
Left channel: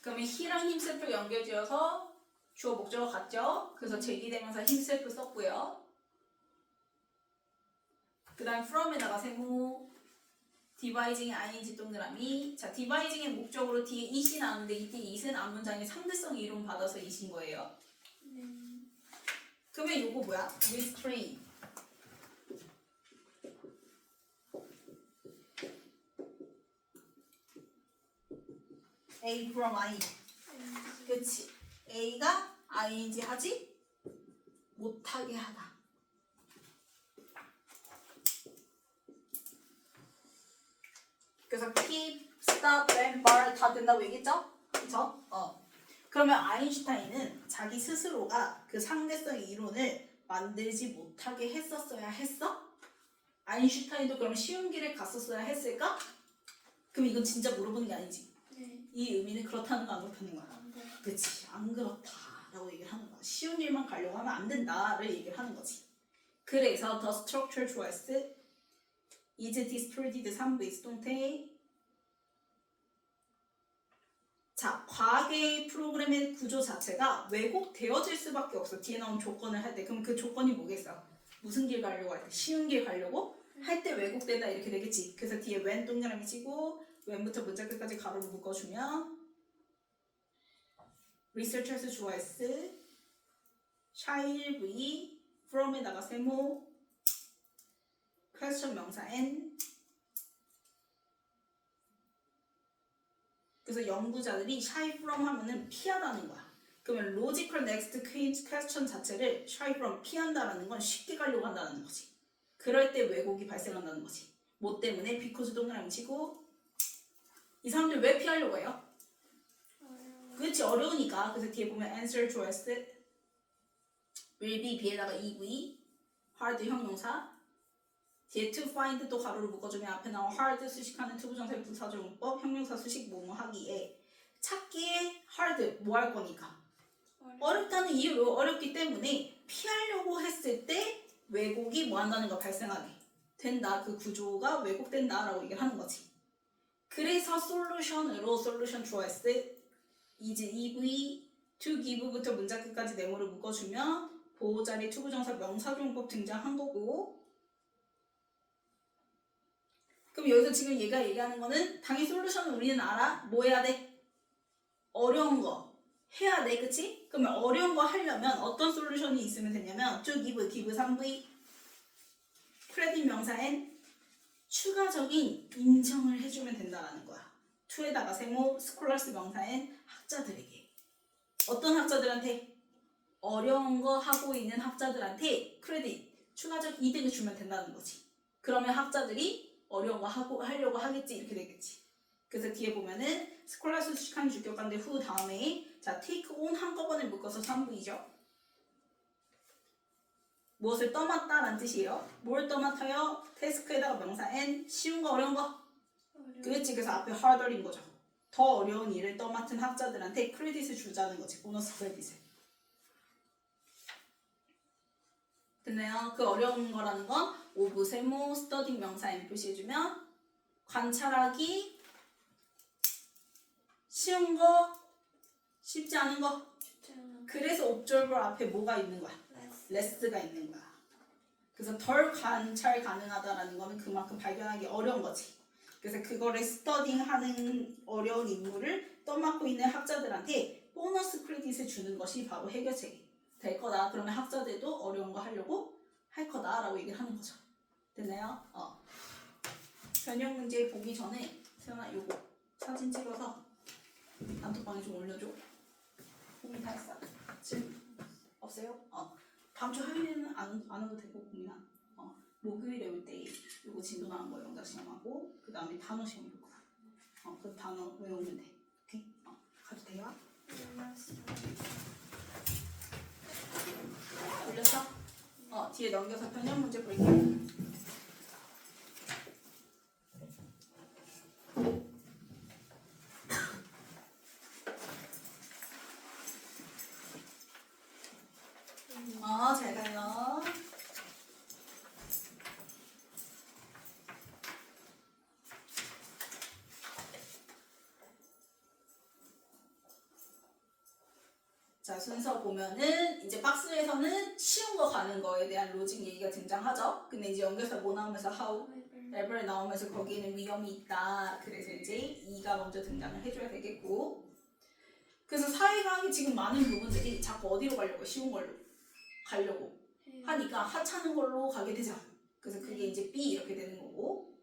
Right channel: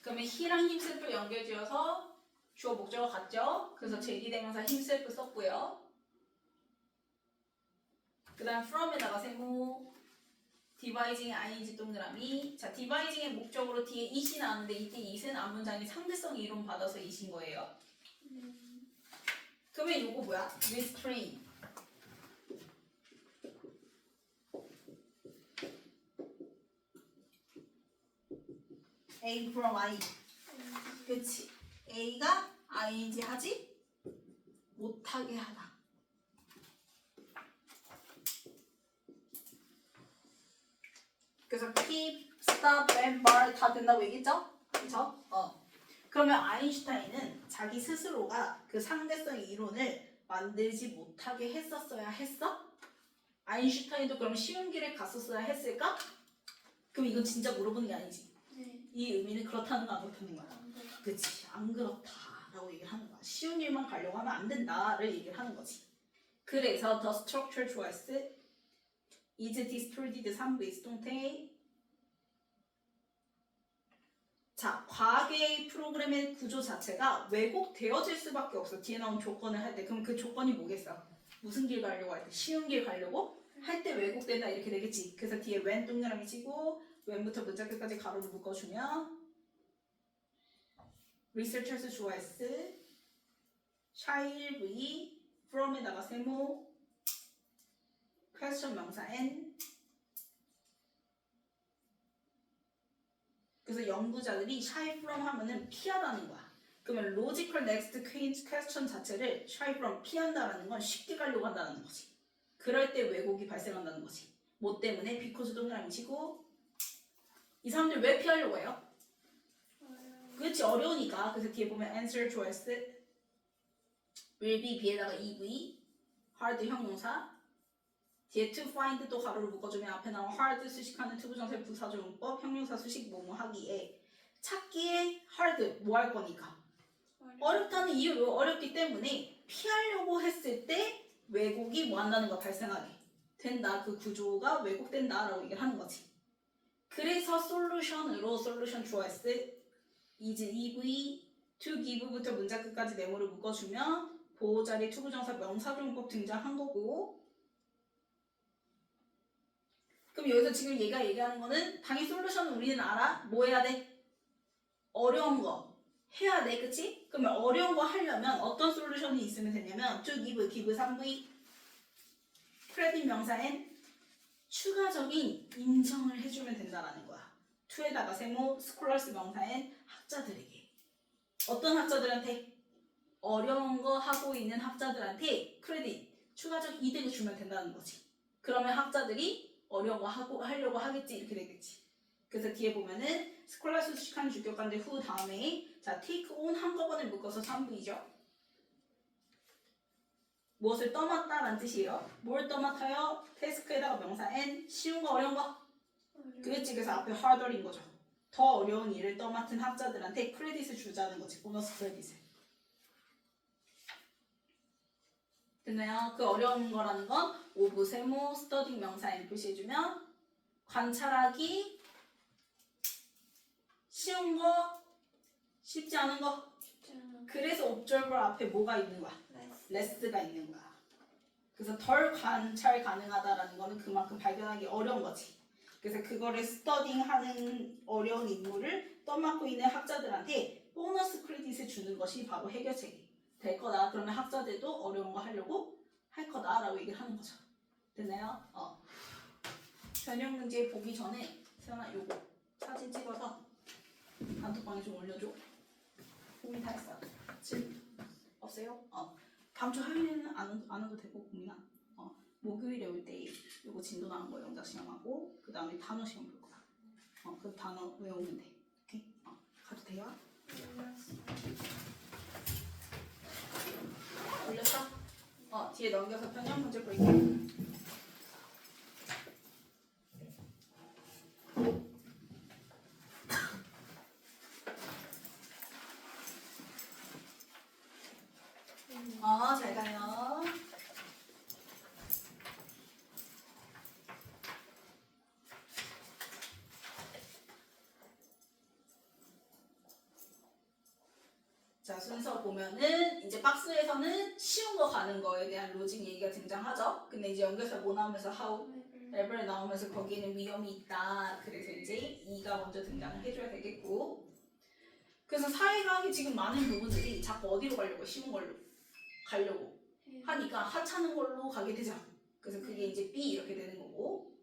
그러면 he랑 힘셀프 연결지어서 주어 목적어 같죠? 그래서 제기대명사 힘셀프 썼고요. 그 다음 from에다가 세모 디바이징의 ing 동그라미. 자, 디바이징의 목적으로 뒤에 it이 나왔는데 이때 it은 앞문장에 상대성 이론 받아서 it인 거예요. 그러면 이거 뭐야? restrain A from I. 그치? A가 ing 하지 못하게 하다. 그래서 keep, stop, and bar 다 된다고 얘기했죠? 그쵸? 그러면 아인슈타인은 자기 스스로가 그 상대성 이론을 만들지 못하게 했었어야 했어? 아인슈타인도 그럼 쉬운 길을 갔었어야 했을까? 그럼 이건 진짜 물어보는 게 아니지. 이 의미는 그렇다는 거 안 그렇다는 거야. 그치? 안 그렇다라고 얘기를 하는 거야. 쉬운 일만 가려고 하면 안 된다를 얘기를 하는 거지. 그래서 the structure choice is distorted 3V 수동태. 자, 과거의 프로그램의 구조 자체가 왜곡되어질 수밖에 없어. 뒤에 나온 조건을 할 때. 그럼 그 조건이 뭐겠어? 무슨 길 가려고 할 때? 쉬운 길 가려고? 할 때 왜곡된다 이렇게 되겠지. 그래서 뒤에 when 동그라미 치고 when부터 문자 끝까지 가로로 묶어주면 researchers 주어S shall V from에다가 세모 question 명사 n. 그래서 연구자들이 shy from 하면은 피하다는 거야. 그러면 logical next question 자체를 shy from 피한다라는 건 쉽게 가려고 한다는 거지. 그럴 때 왜곡이 발생한다는 거지. 뭐 때문에? because 동그라미 치고 이 사람들 왜 피하려고 해요? 그렇지, 어려우니까. 그래서 뒤에 보면 answer choice will be B에다가 EV hard 형용사 뒤에 to find 또 가로를 묶어주면 앞에 나온 hard 수식하는 투부정사의 부사조용법 형용사 수식 뭐뭐 하기에 찾기에 hard 뭐 할 거니까 어렵다는 이유로 어렵기 때문에 피하려고 했을 때 왜곡이 뭐 한다는 거 발생하게 된다. 그 구조가 왜곡된다 라고 얘기를 하는 거지. 그래서 솔루션으로 솔루션 주어S is EV to give부터 문장 끝까지 네모를 묶어주면 보호자리 투부정사 명사조용법 등장한 거고 그럼 여기서 지금 얘가 얘기하는 거는 당연히 솔루션은 우리는 알아. 뭐 해야 돼? 어려운 거 해야 돼. 그치? 그러면 어려운 거 하려면 어떤 솔루션이 있으면 되냐면 to give 3V 크레딧 명사엔 추가적인 인정을 해주면 된다라는 거야. to에다가 세모 스콜러스 명사엔 학자들에게 어떤 학자들한테? 어려운 거 하고 있는 학자들한테 크레딧 추가적 이득을 주면 된다는 거지. 그러면 학자들이 어려운 거 하려고 하겠지 이렇게 되겠지. 그래서 뒤에 보면은 스콜라스 수식한 주격관대 후 다음에 자 take on 한꺼번에 묶어서 3부이죠. 무엇을 떠맡다라는 뜻이에요. 뭘 떠맡아요? 태스크에다가 명사 n 쉬운 거 어려운 거. 그렇지. 그래서 앞에 harder인 거죠. 더 어려운 일을 떠맡은 학자들한테 크레딧을 주자는 거지. 보너스 크레딧을. 됐나요? 그 어려운 거라는 건 오브 세모 스터딩 명사에 표시해주면 관찰하기 쉬운 거 쉽지 않은 거 그래서 observer 앞에 뭐가 있는 거야? less가 있는 거야. 그래서 덜 관찰 가능하다라는 거는 그만큼 발견하기 어려운 거지. 그래서 그거를 스터딩하는 어려운 임무를 떠맡고 있는 학자들한테 보너스 크레딧을 주는 것이 바로 해결책이 될 거다. 그러면 학자들도 어려운 거 하려고 할 거다라고 얘기를 하는 거죠. 됐나요? 변형 문제 보기 전에 세연아 요거 사진 찍어서 단톡방에 좀 올려줘. 고민 다 했어. 질문 없어요? 다음 주 화요일에는 안 와도 되고 고민아. 목요일에 올 때 요거 진도 나온 거 영작 시험하고 그 다음에 단어 시험 볼 거야. 그 단어 외우면 돼. 오케이? 가도 돼요? 올렸어? 뒤에 넘겨서 변형 문제 볼게. 잘 가요. 자, 순서 보면은 이제 박스에서는 쉬운 거 가는 거에 대한 로직 얘기가 등장하죠. 근데 이제 연결사 뭐 나오면서 how, ever 나오면서 거기에는 위험이 있다. 그래서 이제 2가 먼저 등장을 해줘야 되겠고. 그래서 사회과학이 지금 많은 부분들이 자꾸 어디로 가려고? 쉬운 걸로 가려고 하니까 하찮은 걸로 가게 되죠. 그래서 그게 이제 B 이렇게 되는 거고.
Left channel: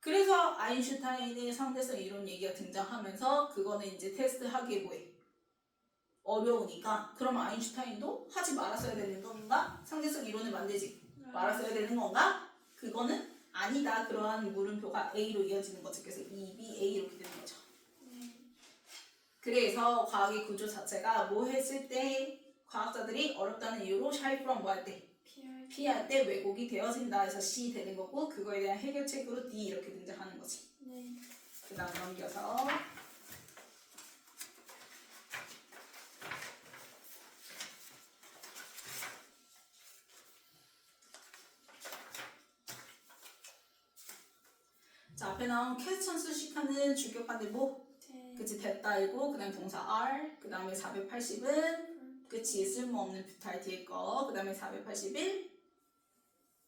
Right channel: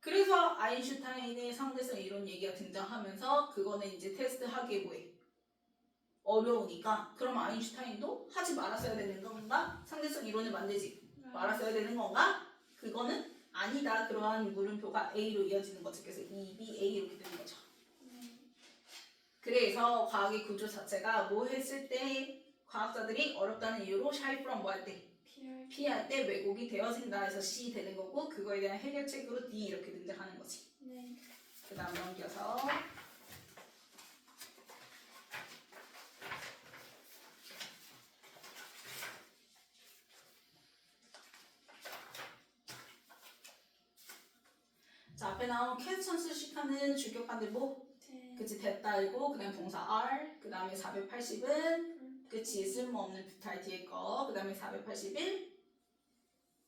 그래서 아인슈타인의 상대성 이론 얘기가 등장하면서 그거는 이제 테스트 하기에 뭐해? 어려우니까 그러면 아인슈타인도 하지 말았어야 되는 건가? 상대성 이론을 만들지 말았어야 되는 건가? 그거는 아니다. 그러한 물음표가 A로 이어지는 거죠. 그래서 2B, A 이렇게 되는 거죠. 그래서 과학의 구조 자체가 뭐 했을 때 과학자들이 어렵다는 이유로 shy from 뭐 할 때? 피할 때 왜곡이 되어진다 해서 C 되는 거고 그거에 대한 해결책으로 D 이렇게 등장하는 거지. 그 다음 넘겨서 자 앞에 나온 퀘스천 수식하는 주격관들 뭐? 그치 됐다이고 그 다음 동사 R 그 다음에 480은 그치 쓸모없는 부탈 뒤에 거그 다음에 481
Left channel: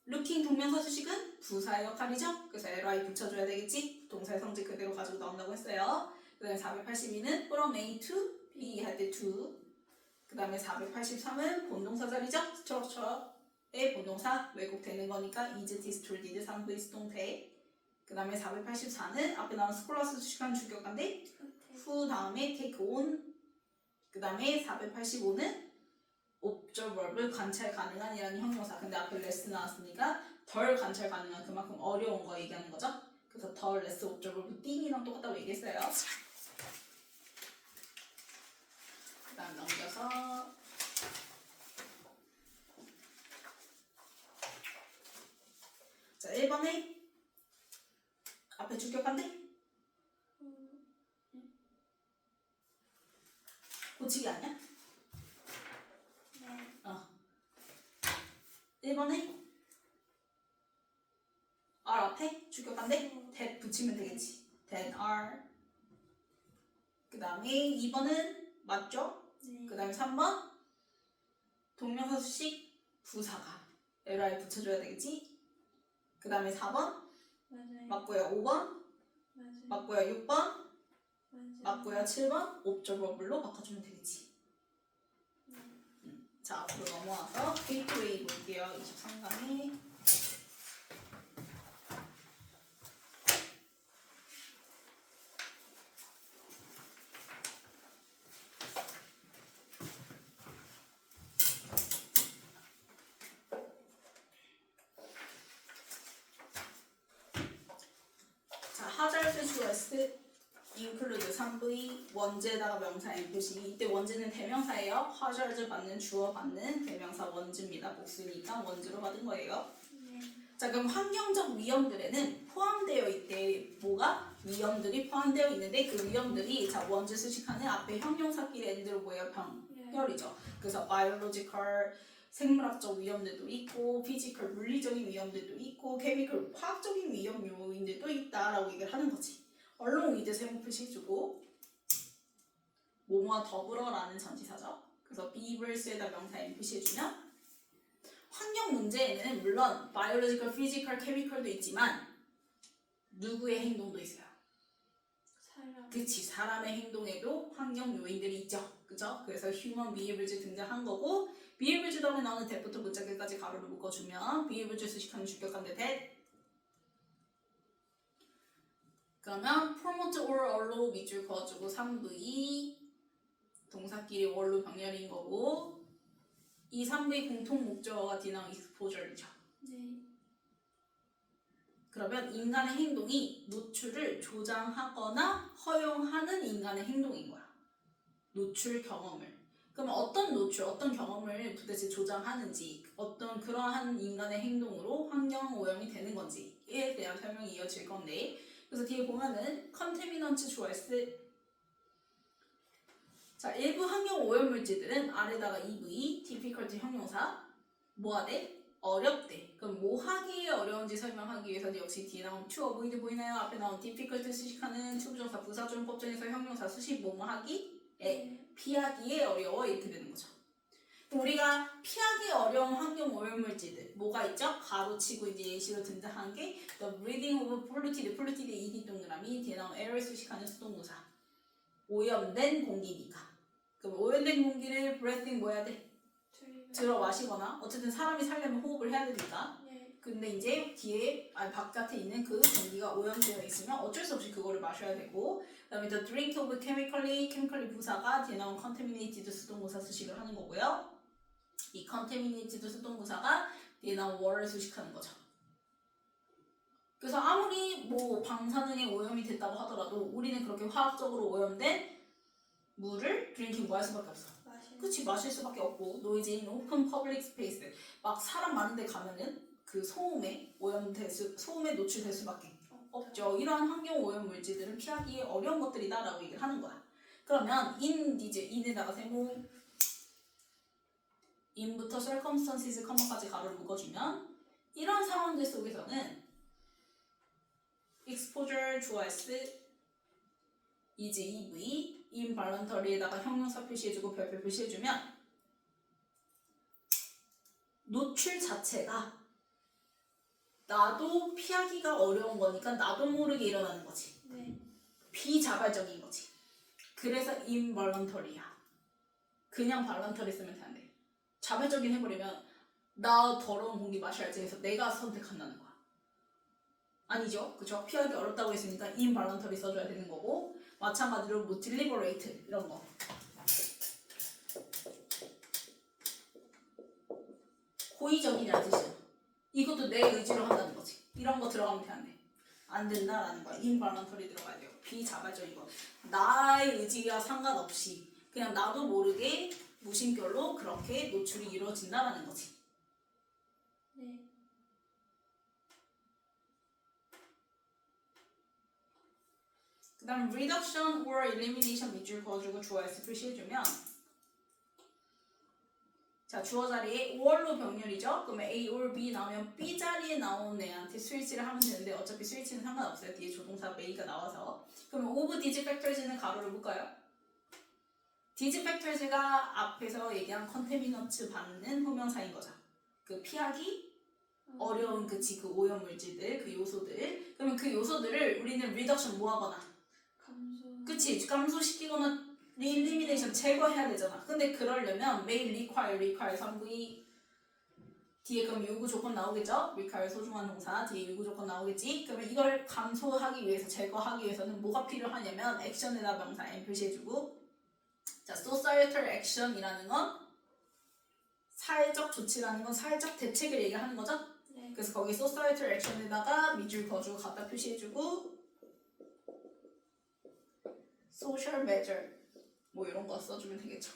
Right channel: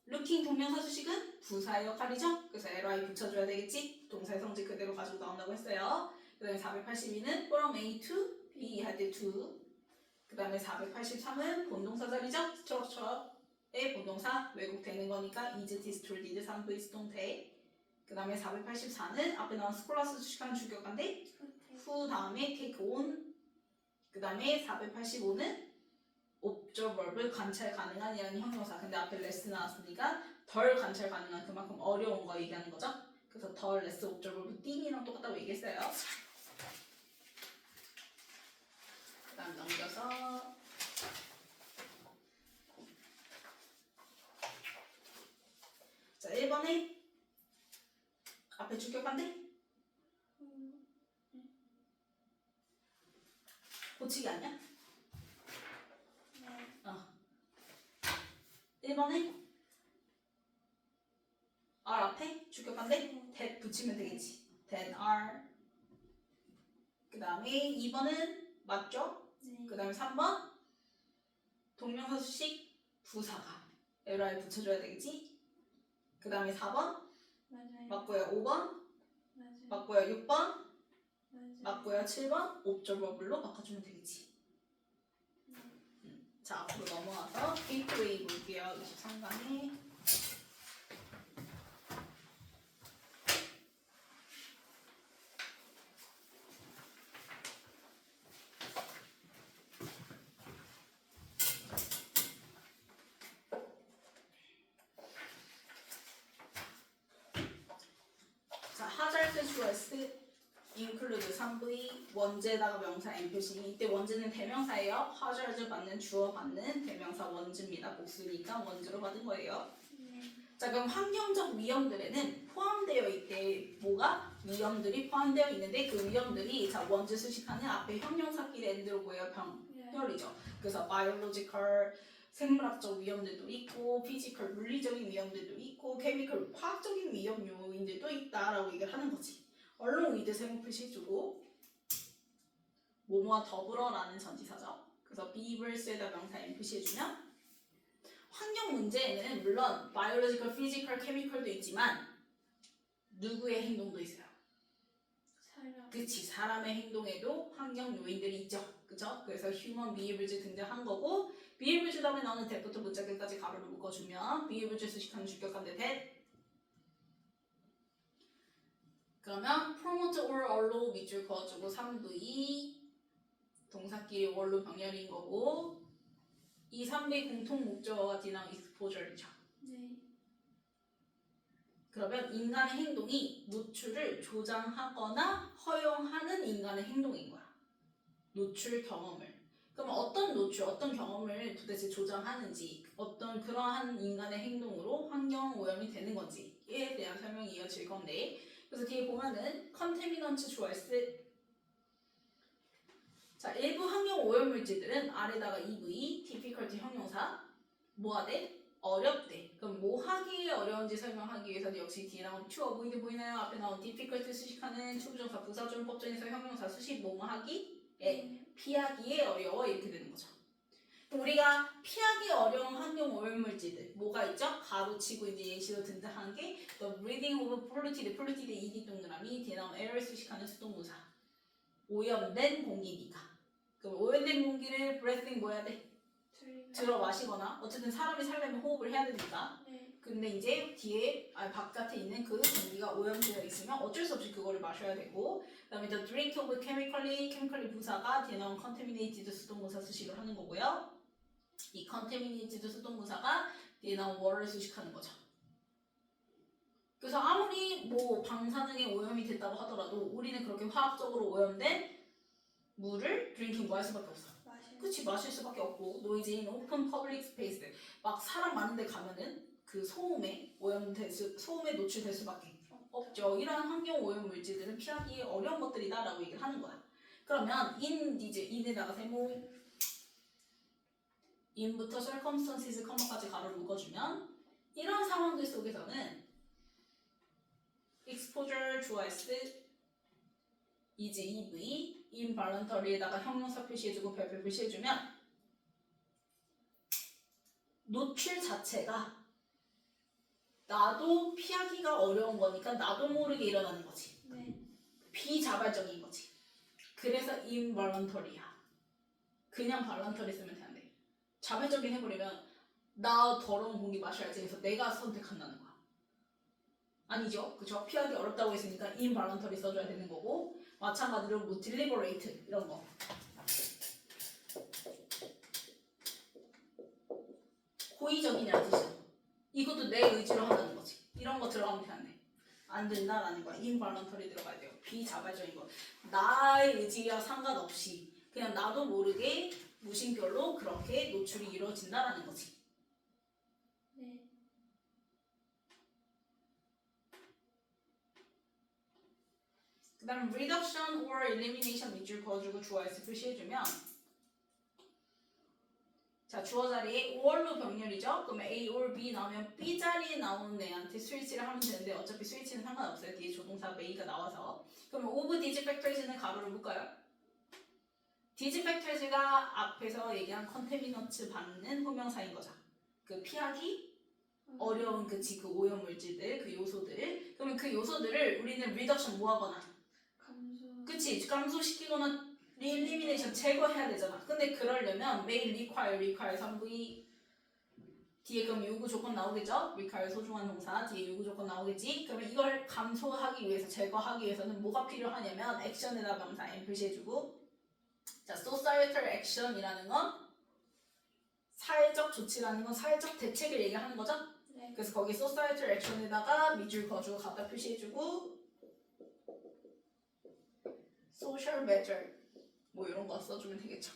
looking 동명사 수식은 부사의 역할이죠. 그래서 ly 붙여줘야 되겠지. 동사의 성질 그대로 가지고 나온다고 했어요. 그 다음에 482는 from A to B 할 때 to 그 다음에 483은 본동사 자리죠. structure의 본동사 왜곡되는 거니까 is, distorted, 상부의 수동태 그 다음에 484는 앞에 나온 스콜라스 수식한 주격관데 후 다음에 take on 그 다음에 485는 observer 관찰 가능한 이라는 형용사. 근데 앞에 less 나왔으니까 덜 관찰 가능한 그만큼 어려운 거 얘기하는 거죠. 그래서 덜 less observer 띵이랑 똑같다고 얘기했어요. 그 잠깐 넘겨서 자 1번에 앞에 주격한데 고치기 아니야? 네. 1번에 R 앞에 주격한데 that 붙이면 되겠지. then R. 그 다음에 2번은 맞죠? 네. 그 다음에 3번 동명사 수식 부사가 LR에 붙여줘야 되겠지. 그 다음에 4번 맞아요. 맞고요. 5번 맞아요. 맞고요. 6번 맞아요. 맞고요. 7번 옵저버블로 바꿔주면 되겠지. 자 앞으로 넘어와서 게이트웨이 볼게요. 23강에 자 하잘드 주어스 include 3V 원제에다가 명사 인표시. 이때 원제는 대명사예요. 하잘드 받는 주어 받는 대명사 원즈입니다. 복수니까 원즈로 받은 거예요. 네. 자 그럼 환경적 위험들에는 포함되어 있대. 뭐가? 위험들이 포함되어 있는데 그 위험들이 자 원즈 수식하는 앞에 형용사끼리 엔드로 보여 병렬이죠. 그래서 biological 생물학적 위험들도 있고 피지컬 물리적인 위험들도 있고 케미컬 화학적인 위험 요인들도 있다라고 얘기를 하는 거지. along with 세모 표시해주고 뭐뭐와 더불어라는 전치사죠. 그래서 be verse에다 명사 M 표시해주면 환경 문제에는 물론 biological, physical, chemical도 있지만 누구의 행동도 있어요. 사람. 그치 사람의 행동에도 환경 요인들이 있죠. 그죠? 그래서 human behaviors 등장한 거고 behaviors 다음에 나오는 that부터 문자결까지 가로를 묶어주면 behaviors 수식하는 주격관대 that. 그러면 promote or allow 밑줄 그어주고 3V 동사끼리 or로 병렬인 거고 이 3V 공통 목적어가 디나운 exposure이죠. 네. 그러면 인간의 행동이 노출을 조장하거나 허용하는 인간의 행동인 거야. 노출 경험을. 그럼 어떤 노출, 어떤 경험을 도대체 조장하는지 어떤 그러한 인간의 행동으로 환경 오염이 되는 건지에 대한 설명이 이어질 건데 그래서 뒤에 보면은 컨테미넌트 주어스 자 일부 환경 오염 물질들은 아래다가 EV, difficult 형용사 뭐하대? 어렵대. 그럼 뭐 하기에 어려운지 설명하기 위해서도 역시 뒤에 나온 to avoid 보이나요? 앞에 나온 difficult 수식하는 추부정사 부사절 법정에서 형용사 수식 뭐뭐 하기에 피하기에 어려워 이렇게 되는 거죠. 우리가 피하기 어려운 환경 오염 물질들 뭐가 있죠? 가로치고 이제 예시로 등장한 게 the breathing of polluted, polluted ed 동그라미 뒤에 나온 air 수식하는 수동부사 오염된 공기니까. 그럼 오염된 공기를 breathing 뭐 해야 돼? 들어 마시거나 어쨌든 사람이 살려면 호흡을 해야 되니까. 네. 근데 이제 뒤에 바깥에 있는 그 공기가 오염되어 있으면 어쩔 수 없이 그거를 마셔야 되고 그다음에 the drink of chemically 부사가 뒤에 나온 contaminated 수동부사 수식을 하는 거고요. 이 contaminated 수동부사가 뒤에 나온 water 수식하는 거죠. 그래서 아무리 뭐 방사능에 오염이 됐다고 하더라도 우리는 그렇게 화학적으로 오염된 물을 drinking 뭐 할 수밖에 없어. 그치 마실 수밖에 없고 noisy in open public space 막 사람 많은 데 가면은 그 소음에 소음에 노출될 수밖에 없죠. 이러한 환경 오염 물질들은 피하기 어려운 것들이다라고 얘기를 하는 거야. 그러면 in에다가 세모 in부터 circumstances, 컴마까지 가로를 묶어주면 이런 상황들 속에서는 exposure 주어s is EV involuntary에다가 형용사 표시해주고 별표 표시해주면 노출 자체가 나도 피하기가 어려운 거니까 나도 모르게 일어나는 거지. 네. 비자발적인 거지. 그래서 involuntary야. 그냥 voluntary 쓰면 안 돼. 자발적인 해버리면 나 더러운 공기 마셔야지 해서 내가 선택한다는 거야. 아니죠. 그쵸? 피하기 어렵다고 했으니까 involuntary 써줘야 되는 거고 마찬가지로 뭐 deliberate 이런 거 고의적이라는 뜻이야. 이것도 내 의지로 한다는 거지. 이런 거 들어가면 돼, 안 돼? 안 된다라는 거야. involuntary 들어가야 돼요. 비자발적인 거. 나의 의지와 상관없이 그냥 나도 모르게 무심결로 그렇게 노출이 이루어진다라는 거지. 네. 그 다음 reduction or elimination 밑줄 그어주고 주어 s 표시해주면 자 주어 자리에 or로 병렬이죠. 그러면 A or B 나오면 B 자리에 나온 애한테 스위치를 하면 되는데 어차피 스위치는 상관없어요. 뒤에 조동사 A가 나와서. 그러면 of these factors는 가로를 묶어요. these factors가 앞에서 얘기한 컨테미넌트 받는 호명사인 거죠. 그 피하기 어려운 그 오염물질들, 그 요소들. 그러면 그 요소들을 우리는 reduction 뭐 하거나 감소. 그치 감소시키거나 elimination 제거해야 되잖아. 근데 그러려면 may require 3부의 뒤에 그럼 요구 조건 나오겠죠? require 소중한 동사 뒤에 요구 조건 나오겠지? 그러면 이걸 감소하기 위해서 제거하기 위해서는 뭐가 필요하냐면 액션에다 명사 M 표시해주고 자 societal action이라는 건 사회적 조치라는 건 사회적 대책을 얘기하는 거죠? 네. 그래서 거기 societal action에다가 밑줄 그어주고 갖다 표시해주고 social measure 뭐 이런 거 써주면 되겠죠.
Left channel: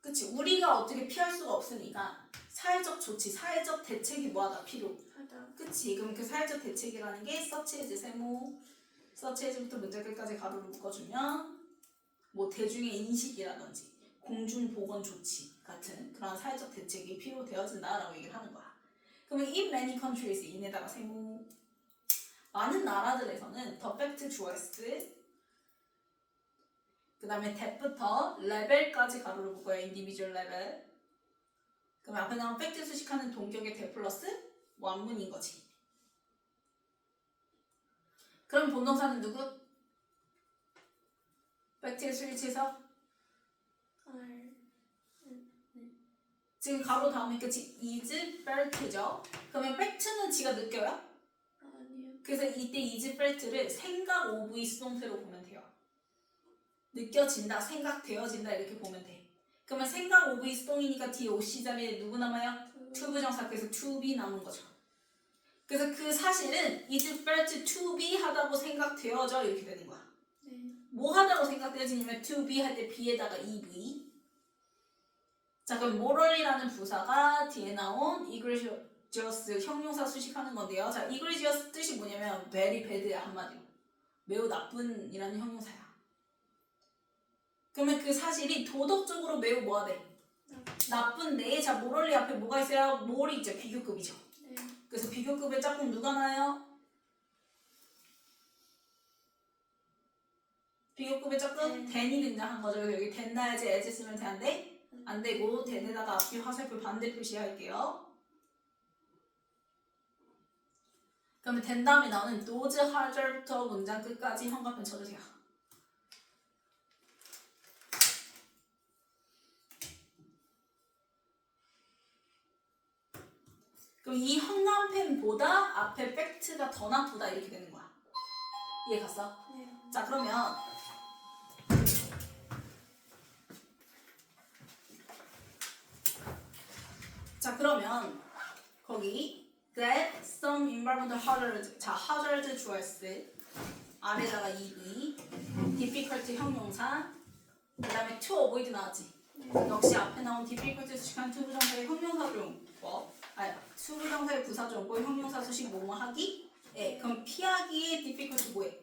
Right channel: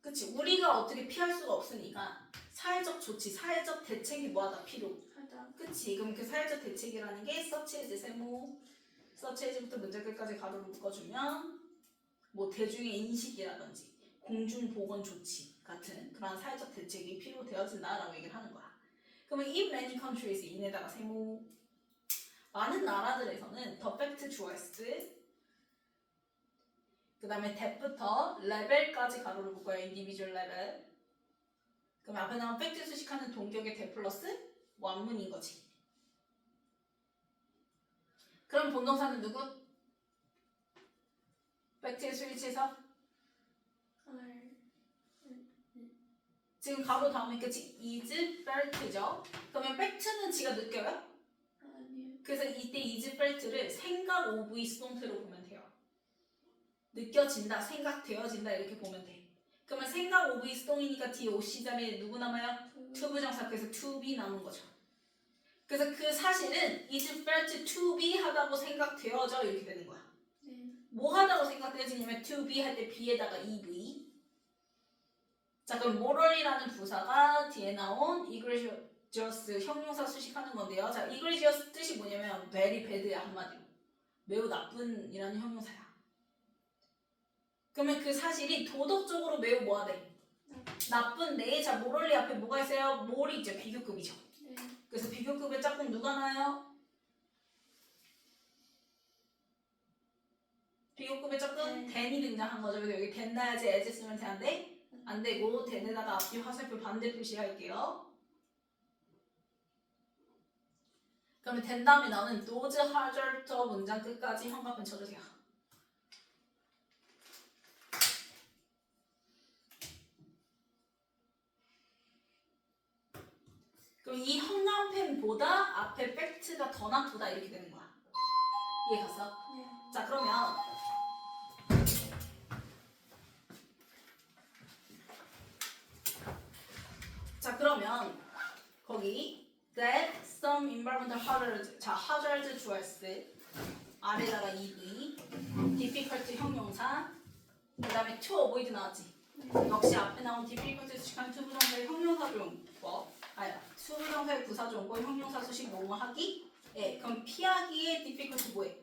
그치 우리가 어떻게 피할 수가 없으니까 사회적 조치, 사회적 대책이 뭐하다 필요. 하다. 그치 그럼 그 사회적 대책이라는 게 such as 세모 such as부터 문제 끝까지 가로로 묶어주면 뭐 대중의 인식이라든지 공중보건 조치 같은 그런 사회적 대책이 필요되어진다라고 얘기를 하는 거야. 그러면 in many countries 인에다가 세모 많은 나라들에서는 the fact 주어 s 그 다음에 that부터 레벨까지 가로로 묶어요. individual level. 그럼 앞에 나온 팩트 수식하는 동격의 that 플러스 원문인 거지. 그럼 본동사는 누구? 팩트의 스위치에서 R. 지금 가로 다음에 끝이 is felt죠. 그러면 팩트는 지가 느껴요? 아니요. 그래서 이때 is felt를 생각 오브 수동태로 보면 돼요. 느껴진다, 생각되어진다 이렇게 보면 돼. 그러면 생각 오브 수동이니까 뒤에 OC 자리에 누구 남아요? to 부정사 그래서 to be 나오는 거죠. 그래서 그 사실은 is felt to be 하다고 생각되어져 이렇게 되는 거야. 네. 뭐 하다고 생각되어지냐면 to be 할 때 be에다가 EV. 자 그럼 moral이라는 부사가 뒤에 나온 egregious 형용사 수식하는 건데요. 자 egregious 뜻이 뭐냐면 very bad야 한마디로. 매우 나쁜이라는 형용사야. 그러면 그 사실이 도덕적으로 매우 뭐가 돼? 나쁜데 자 morally 앞에 뭐가 있어요? mor이 있죠. 비교급이죠. 네. 그래서 비교급의 짝꿍 누가 나요? 비교급의 짝꿍 then이 등장한 거죠. 그래서 여기 then 다야지 as 쓰면 되는데 안 되고 then에다가 앞뒤 화살표 반대 표시할게요. 그러면 then 다음에 나오는 those hazard 문장 끝까지 형광펜 쳐주세요. 그럼 이 형광펜보다 앞에 팩트가 더 나쁘다 이렇게 되는 거야. 이해 갔어? 네. 자 그러면 거기 that some environmental hazards 자 hazard 주어 s 아래다가 EV difficult 형용사 그 다음에 to avoid 나왔지. 역시 앞에 나온 difficult 수식한 to 부정사의 형용사조용법 to 부정사의 부사조용법 형용사 수식 뭐뭐 하기 그럼 피하기에 difficult 뭐해?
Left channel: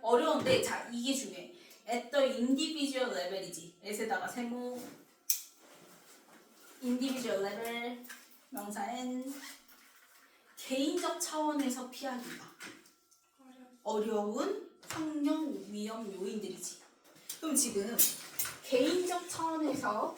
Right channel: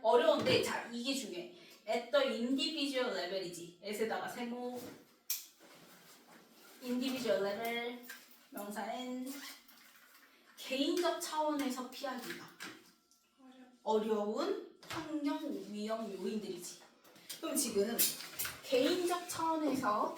어려운데 자 이게 중요해. at the individual level이지. at에다가 세모 individual level 명사 n 개인적 차원에서 피하기가 어려운 환경 위험 요인들이지. 그럼 지금 개인적 차원에서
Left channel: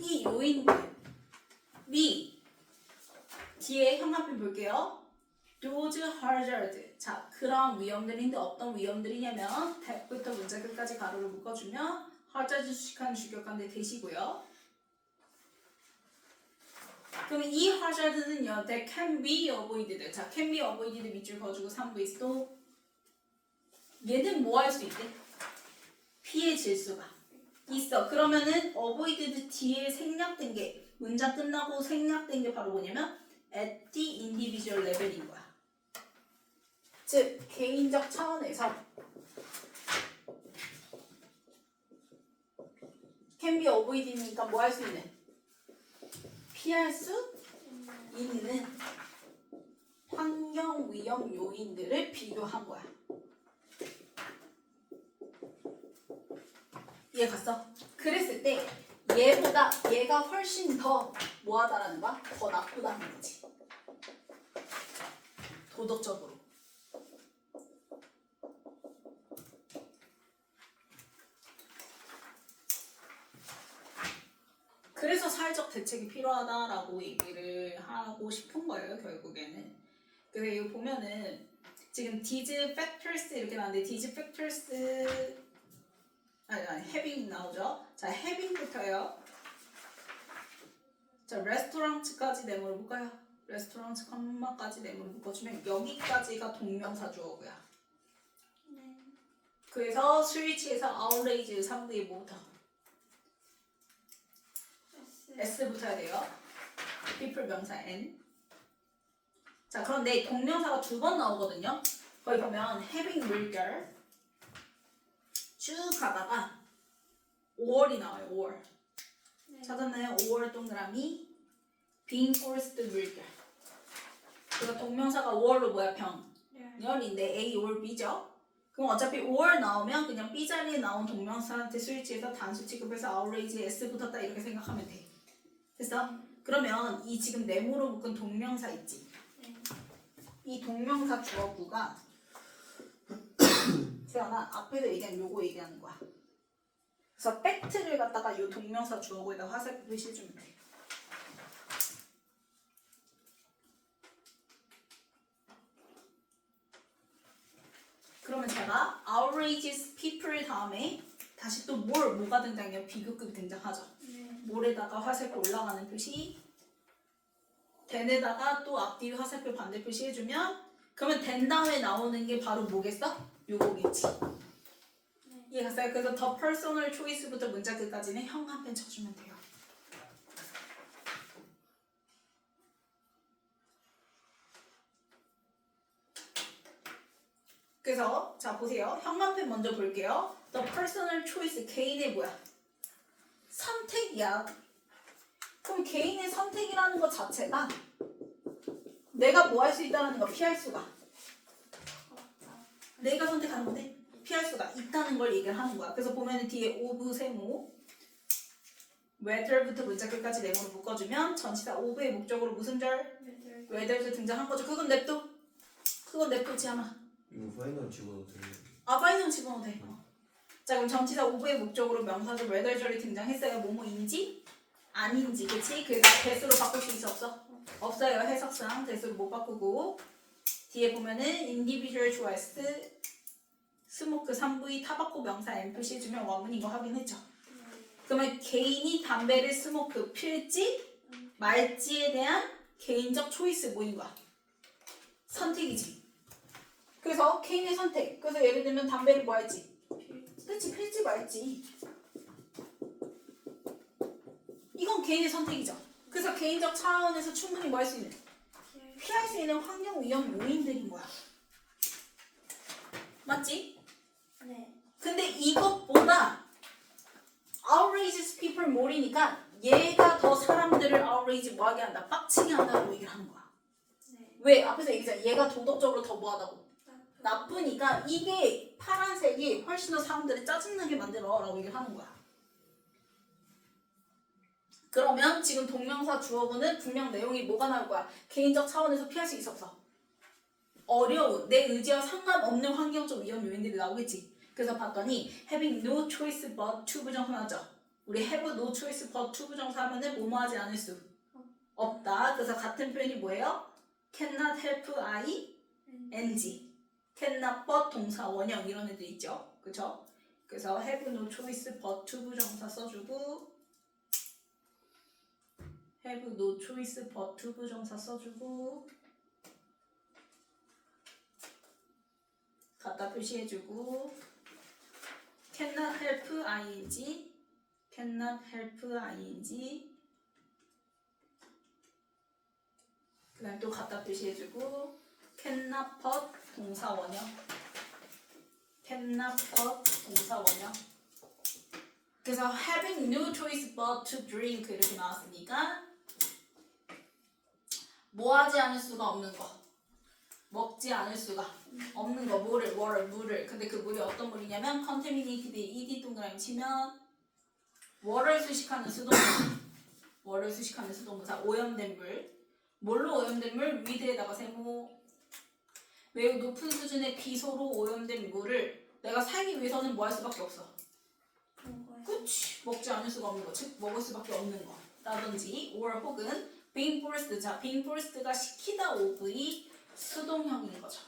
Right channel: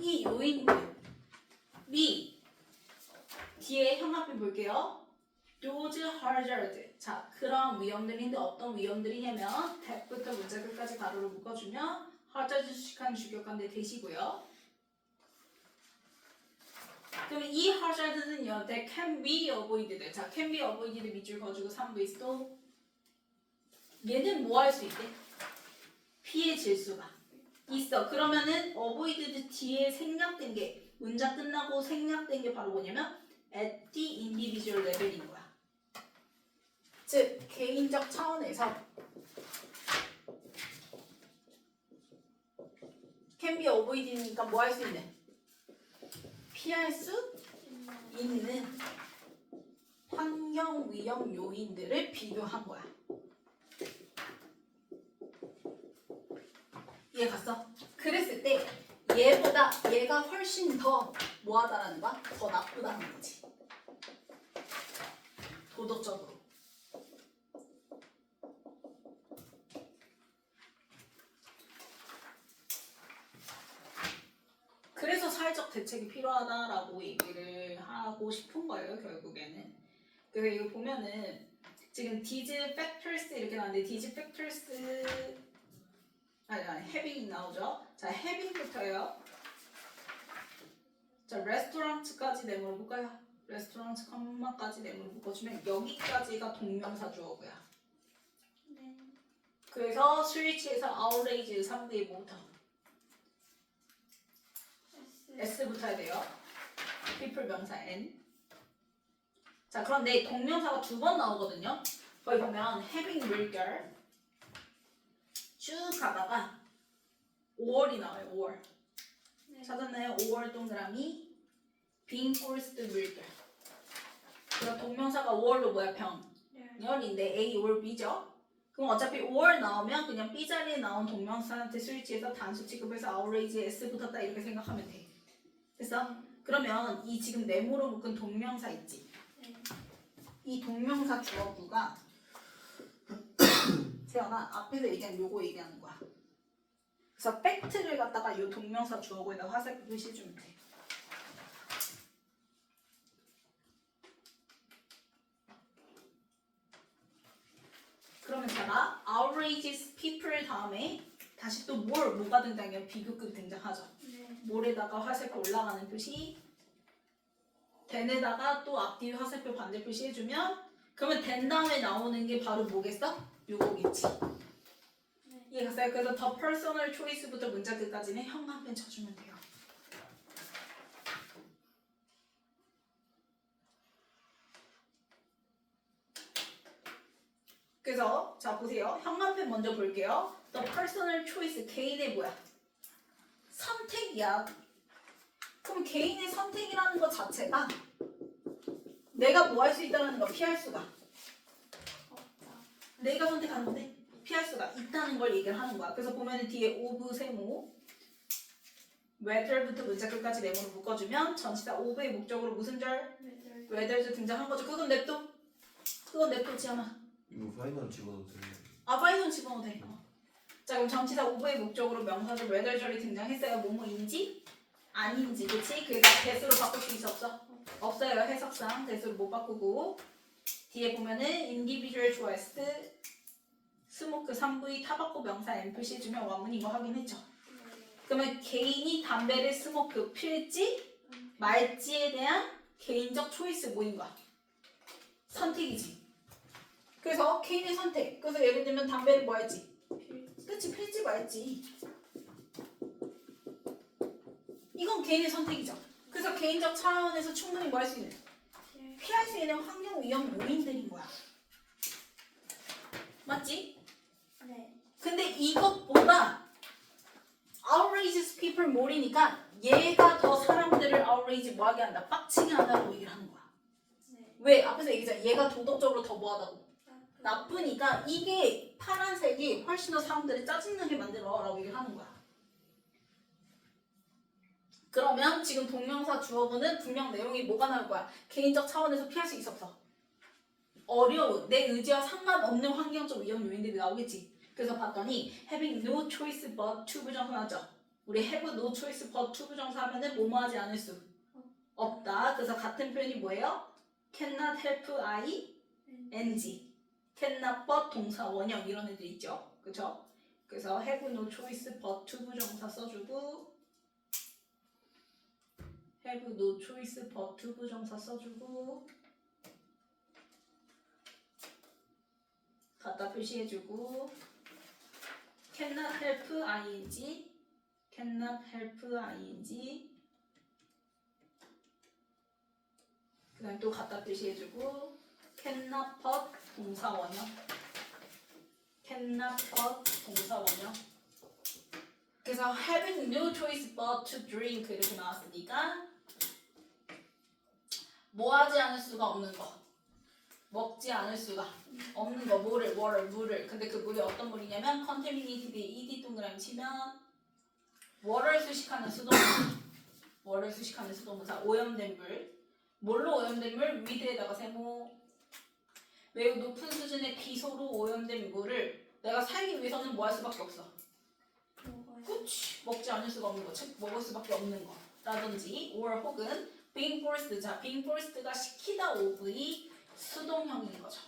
이 요인들이 뒤에 형광펜 볼게요. those hazard 자 그런 위험들인데 어떤 위험들이냐면 that부터 문자 끝까지 가로로 묶어주면 hazard 수식한 주격관대 대시고요. 그럼 이 hazard는요, that can be avoided. 자, can be avoided 밑줄 그어주고 3V's 또 얘는 뭐 할 수 있대? 피해질 수가 있어. 그러면은 avoided 뒤에 생략된 게 문장 끝나고 생략된 게 바로 뭐냐면 at the individual level인 거야. 즉 개인적 차원에서 can be avoided니까 뭐 할 수 있는? 피할 수 있는 환경 위험 요인들을 비교한 거야. 이해 갔어? 그랬을 때 얘보다 얘가 훨씬 더 뭐하다라는 거야? 더 나쁘다는 거지. 도덕적으로. 그래서 사회적 대책이 필요하다라고 얘기를 하고 싶은 거예요, 결국에는. 그래서 이거 보면은 지금 these factors 이렇게 나왔는데 these factors 아니 having 나오죠. 자, having부터요. 자, 레스토랑츠까지 내용을 볼까요? 레스토랑츠 컴마까지 내용을 묶어주면 여기까지가 동명사 주어고요. 네. 그래서 스위치에서 outrage 상대의 뭐부터? S부터 해야 돼요. people 명사 N. 자, 그런데 동명사가 두 번 나오거든요. 거기 보면 having 물결 쭉 가다가 5월이 나와요. 5월. 네. 찾았나요? 5월 동그라미 being forced 물결. 그러니까 동명사가 5월로 뭐야? 병렬인데 A or B죠. 그럼 어차피 5월 나오면 그냥 B 자리에 나온 동명사한테 스위치해서 단수 취급해서 outrage S 붙었다 이렇게 생각하면 돼. 됐어? 그러면 이 지금 네모로 묶은 동명사 있지? 네. 이 동명사 주어구가 태어나 앞에서 얘기한 요거 얘기하는 거야. 그래서 팩트를 갖다가 요 동명사 주어구에다 화살표 표시해주면 돼. 그러면 제가 outrageous people 다음에 다시 또 뭐가 등장해요? 비교급이 등장하죠. 네. 몰에다가 화살표 올라가는 표시, then에다가 또 앞뒤 화살표 반대 표시 해주면 그러면 then 다음에 나오는 게 바로 뭐겠어? 요거겠지. 네. 이해갔어요? 그래서 the personal choice부터 문자 끝까지는 형 한 편 쳐주면 돼요. 그래서 자 보세요. 형광펜 먼저 볼게요. The personal choice 개인의 뭐야? 선택이야. 그럼 개인의 선택이라는 것 자체가 내가 뭐 할 수 있다는 거 피할 수가. 내가 선택하는 건데 피할 수가 있다는 걸 얘기를 하는 거야. 그래서 보면은 뒤에 of 세모 whether부터 문자 끝까지 네모로 묶어주면 전치사 of의 목적으로 무슨 절? whether도 등장한 거죠. 그건 냅둬. 그건 냅두지 않아. 이거 파이널 집어도 돼요? 파이널 집어넣어도 돼. 자 그럼 전치사 of의 목적으로 명사도 whether절이 등장했어요. 뭐뭐인지 아닌지 그치? 그래서 대수로 바꿀 수 있어 없어? 없어요. 해석상 대수로 못 바꾸고 뒤에 보면은 individual choice 스모크 3V 타바코 명사 N 표시해주면 원문인 거 확인했죠? 그러면 개인이 담배를 스모크 필지 말지에 대한 개인적 초이스 뭐인 거야? 선택이지. 그래서 개인의 선택. 그래서 예를 들면 담배를 뭐 할지? 그치, 필지 말지. 이건 개인의 선택이죠. 그래서 개인적 차원에서 충분히 뭐 할 수 있는? 피할 수 있는 환경 위험 요인들인 거야. 맞지? 네. 근데 이것보다 outrageous people more이니까 얘가 더 사람들을 outrage 뭐하게 한다? 빡치게 한다고 얘기를 하는 거야. 네. 왜? 앞에서 얘기했잖아. 얘가 도덕적으로 더 뭐하다고? 나쁘니까 이게 파란색이 훨씬 더 사람들을 짜증나게 만들어 라고 얘기를 하는 거야. 그러면 지금 동명사 주어보는 분명 내용이 뭐가 나올 거야? 개인적 차원에서 피할 수 있어 없어? 어려운 내 의지와 상관없는 환경적 위험 요인들이 나오겠지. 그래서 봤더니 having no choice but to 부정사 나죠. 우리 have no choice but to 부정사 하면은 뭐뭐 하지 않을 수 없다. 그래서 같은 표현이 뭐예요? cannot help I, NG cannot but 동사 원형 이런 애들 있죠. 그쵸? 그래서 have no choice but to 부정사 써주고 have no choice but to 부정사 써주고 갖다 표시해주고 cannot help ing cannot help ing 그 다음에 또 갖다 표시해주고 cannot but 동사 원형 cannot but 동사 원형 그래서 having no choice but to drink 이렇게 나왔으니까 뭐 하지 않을 수가 없는 거 먹지 않을 수가 없는 거 물을 근데 그 물이 어떤 물이냐면 contaminated에 ed 동그라미 치면 water를 수식하는 수동사 오염된 물 뭘로 오염된 물? 위드에다가 세모 매우 높은 수준의 비소로 오염된 물을 내가 살기 위해서는 뭐 할 수밖에 없어 먹어요. 그치 먹지 않을 수가 없는 거 즉 먹을 수밖에 없는 거 라든지 or 혹은 being forced 자 being forced가 시키다 of의 수동형인 거죠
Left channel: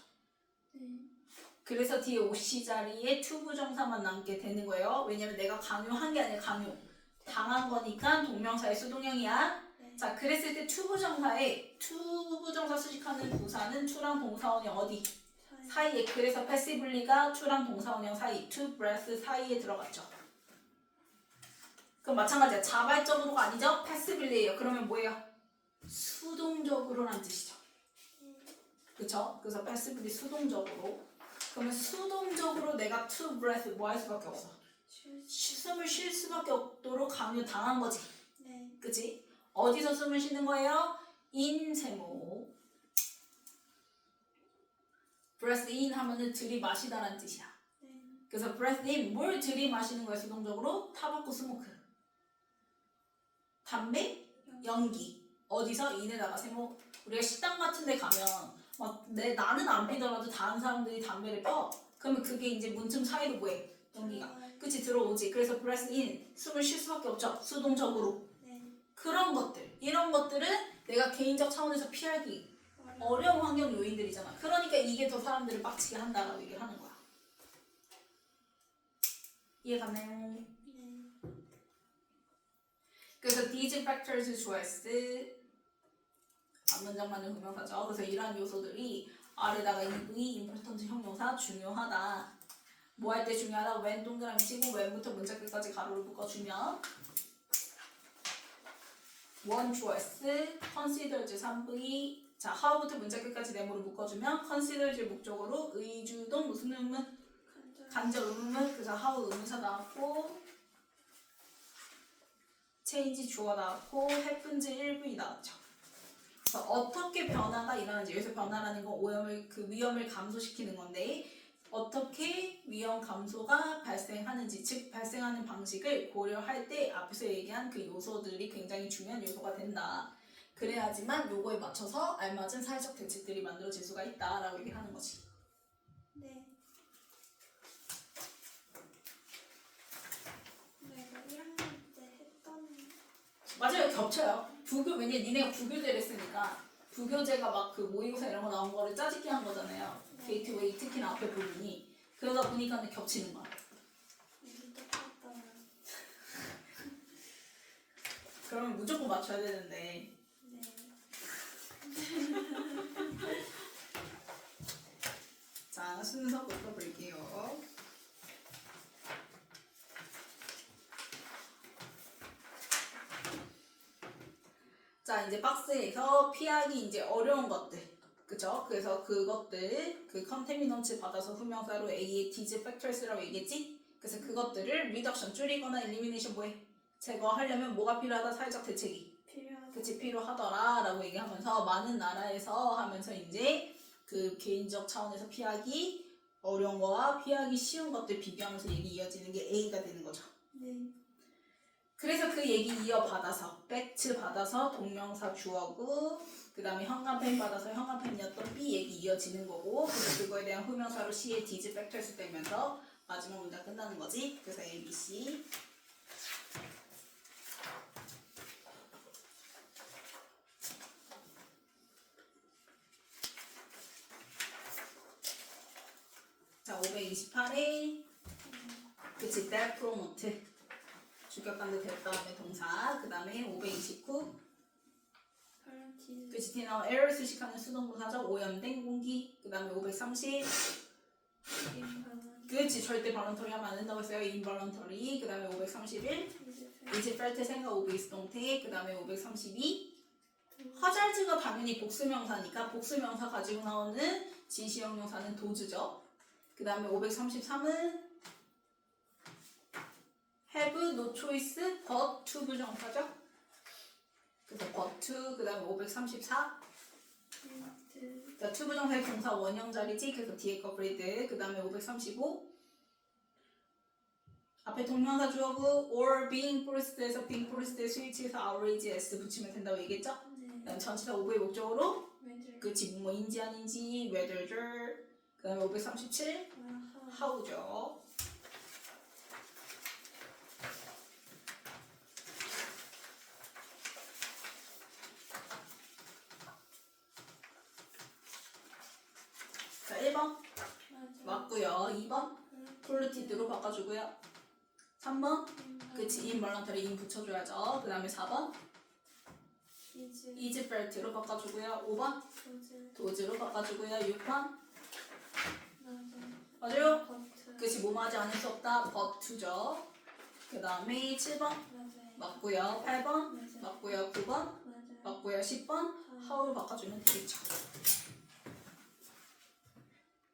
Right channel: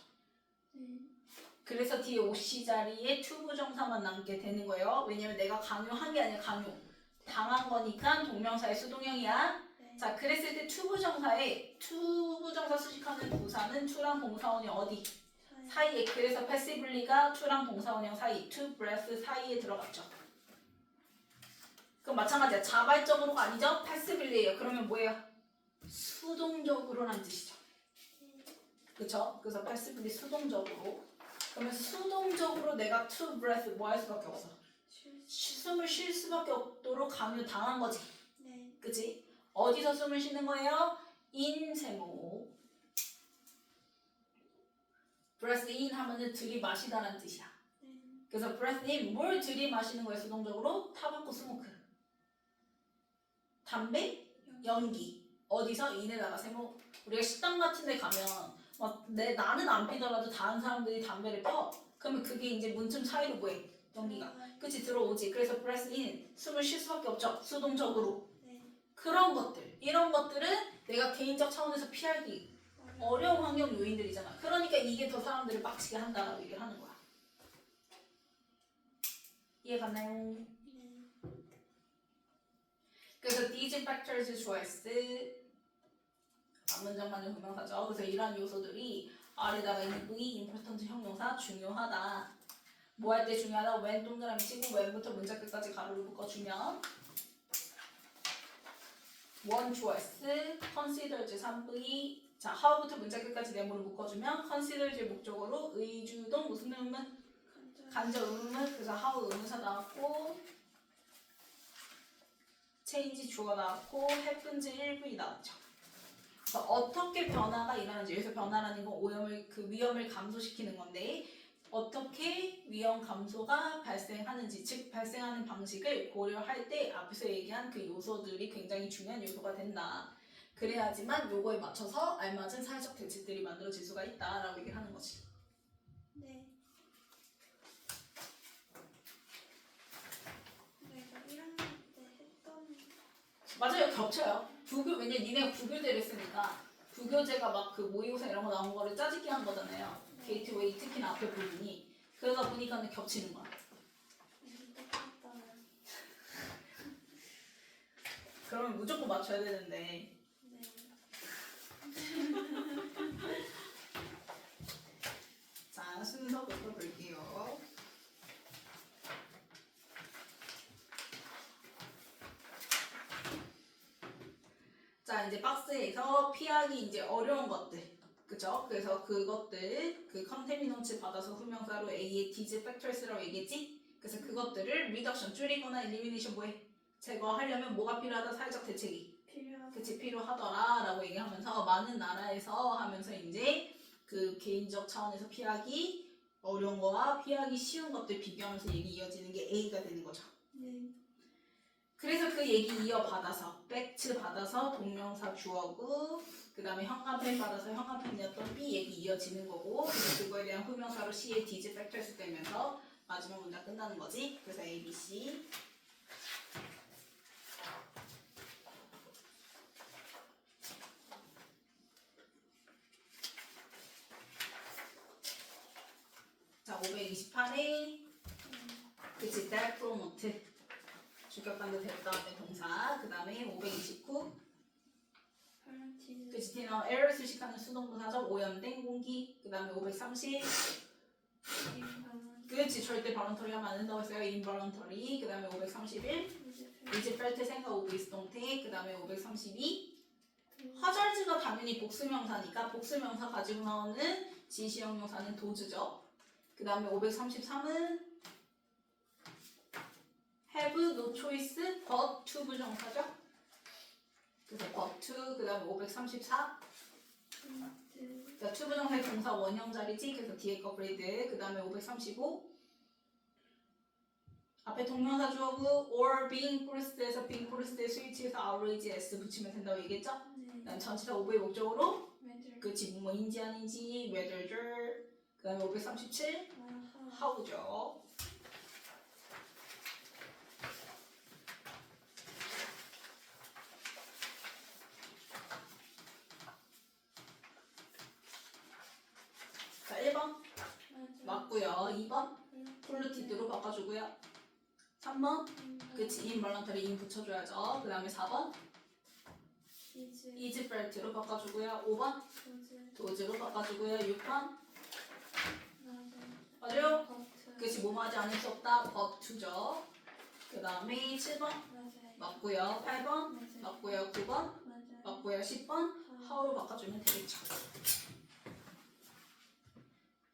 그래서 뒤에 OC 자리에 to 부정사만 남게 되는 거예요 왜냐면 내가 강요한 게 아니라 강요 당한 거니까 동명사의 수동형이야 자 그랬을 때 to 부정사에 to 부정사 수식하는 부사는 to랑 동사원형 어디? 사이에 그래서 passively가 to랑 동사원형 사이 to breath 사이에 들어갔죠 그럼 마찬가지야 자발적으로가 아니죠? passivelly예요 그러면 뭐예요? 수동적으로란 뜻이죠 그쵸? 그래서 passively 수동적으로 그러면 수동적으로 내가 to breath 뭐 할 수밖에 없어 숨을 쉴 수밖에 없도록 강요 당한 거지 네. 그치? 어디서 숨을 쉬는 거예요? in 세모 breath in 하면은 들이마시다라는 뜻이야 그래서 breath in 뭘 들이마시는 거야 수동적으로? 타바코 스모크 담배? 연기 어디서? in에다가 세모 우리가 식당 같은 데 가면 나는 안 피더라도 다른 사람들이 담배를 펴 그러면 그게 이제 문틈 사이로 뭐해? 연기가 그치 들어오지 그래서 breath in 숨을 쉴 수밖에 없죠 수동적으로 그런 것들 이런 것들은 내가 개인적 차원에서 피하기 어려운 환경 요인들이잖아 그러니까 이게 더 사람들을 빡치게 한다라고 얘기를 하는 거야 이해가나요? 그래서 these factors 좋아했을 앞문장만의 분명사죠 그래서 이러한 요소들이 아래다가 EV, important 형용사 중요하다 뭐 할 때 중요하다? when 동그라미 치고 when부터 문자 끝까지 가로를 묶어주면 원 주어스, consider즈 3V 자, how부터 문자 끝까지 네모를 묶어주면 consider즈 목적어로 의주동 무슨 의문? 간접 의문 그래서 how 의문사 나왔고 change 주어 나왔고 happens 1V 나왔죠 그래서 어떻게 변화가 일어나는지 여기서 변화라는 건 오염을 그 위험을 감소시키는 건데 어떻게 위험 감소가 발생하는지 즉 발생하는 방식을 고려할 때 앞에서 얘기한 그 요소들이 굉장히 중요한 요소가 된다. 그래야지만 요거에 맞춰서 알맞은 사회적 대책들이 만들어질 수가 있다라고 얘기를 하는 거지. 네. 내가 1학년 때 했던 맞아요 겹쳐요. 왜냐 니네가 부교대를 했으니까 부교재가 막 그 모의고사 이런 거 나온 거를 짜집기 한 거잖아요. 게이트웨이 특히나 앞에 부분이 그러다 보니까 겹치는 거야. 그러면 무조건 맞춰야 되는데 네. 자 순서 볼게요. 자 이제 박스에서 피하기 이제 어려운 것들 그쵸? 그래서 그것들 그 컨테미넌츠 받아서 후명사로 A의 D's factors라고 얘기했지? 그래서 그것들을 reduction 줄이거나 elimination 뭐해? 제거하려면 뭐가 필요하다? 사회적 대책이 그치 필요하더라 라고 얘기하면서 많은 나라에서 하면서 이제 그 개인적 차원에서 피하기 어려운 거와 피하기 쉬운 것들 비교하면서 얘기 이어지는 게 A가 되는 거죠. 네. 그래서 그 얘기 이어받아서 팩트 받아서 동명사 주어고 그 다음에 현관펜 받아서 현관펜이었던 B 얘기 이어지는 거고 그래서 그거에 대한 후명사로 C의 D's factors 되면서 마지막 문장 끝나는 거지. 그래서 A, B, C 자 528에 그치 that promote 주격관도 될 다음에 동사 그 다음에 529 컬러티드. 그치, T 나오면 에러 수식하는 수동부사죠. 오염된 공기. 그 다음에 530. 인발론. 그치, 절대 발론터리 하면 안 된다고 했어요. 인발론터리. 그 다음에 531. 이제 펠트 생각 오브이스 동태. 그 다음에 532. 화잘즈가 당연히 복수명사니까 복수명사 가지고 나오는 진시형용사는 도즈죠. 그 다음에 533은 have no choice but to 부정사죠. 그래서 but to. 그 다음에 534. 자, to 부정사의 동사 원형 자리지. 그래서 뒤에 거 그리드. 그 다음에 535. 앞에 동명사 주어구 or being forced에서 being forced에 스위치해서 outrage s 붙이면 된다고 얘기했죠? 그 다음 전치사 오브의 목적으로 그치 뭐인지 아닌지 whether. 그 다음에 537 how죠. 자 1번 맞고요. 2번 폴루티드로 바꿔주고요. 3번 그치 인벌런터리 인 붙여줘야죠. 그 다음에 4번 이즈벨트로 바꿔주고요. 5번 도즈로 바꿔주고요. 6번 맞아요? 그치 뭐뭐하지 않을 수 없다 but2죠. 그 다음에 7번 맞고요. 8번 맞고요. 9번 맞고요. 10번 how로 바꿔주면 되겠죠.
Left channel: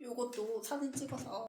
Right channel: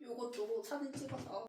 요것도 사진 찍어서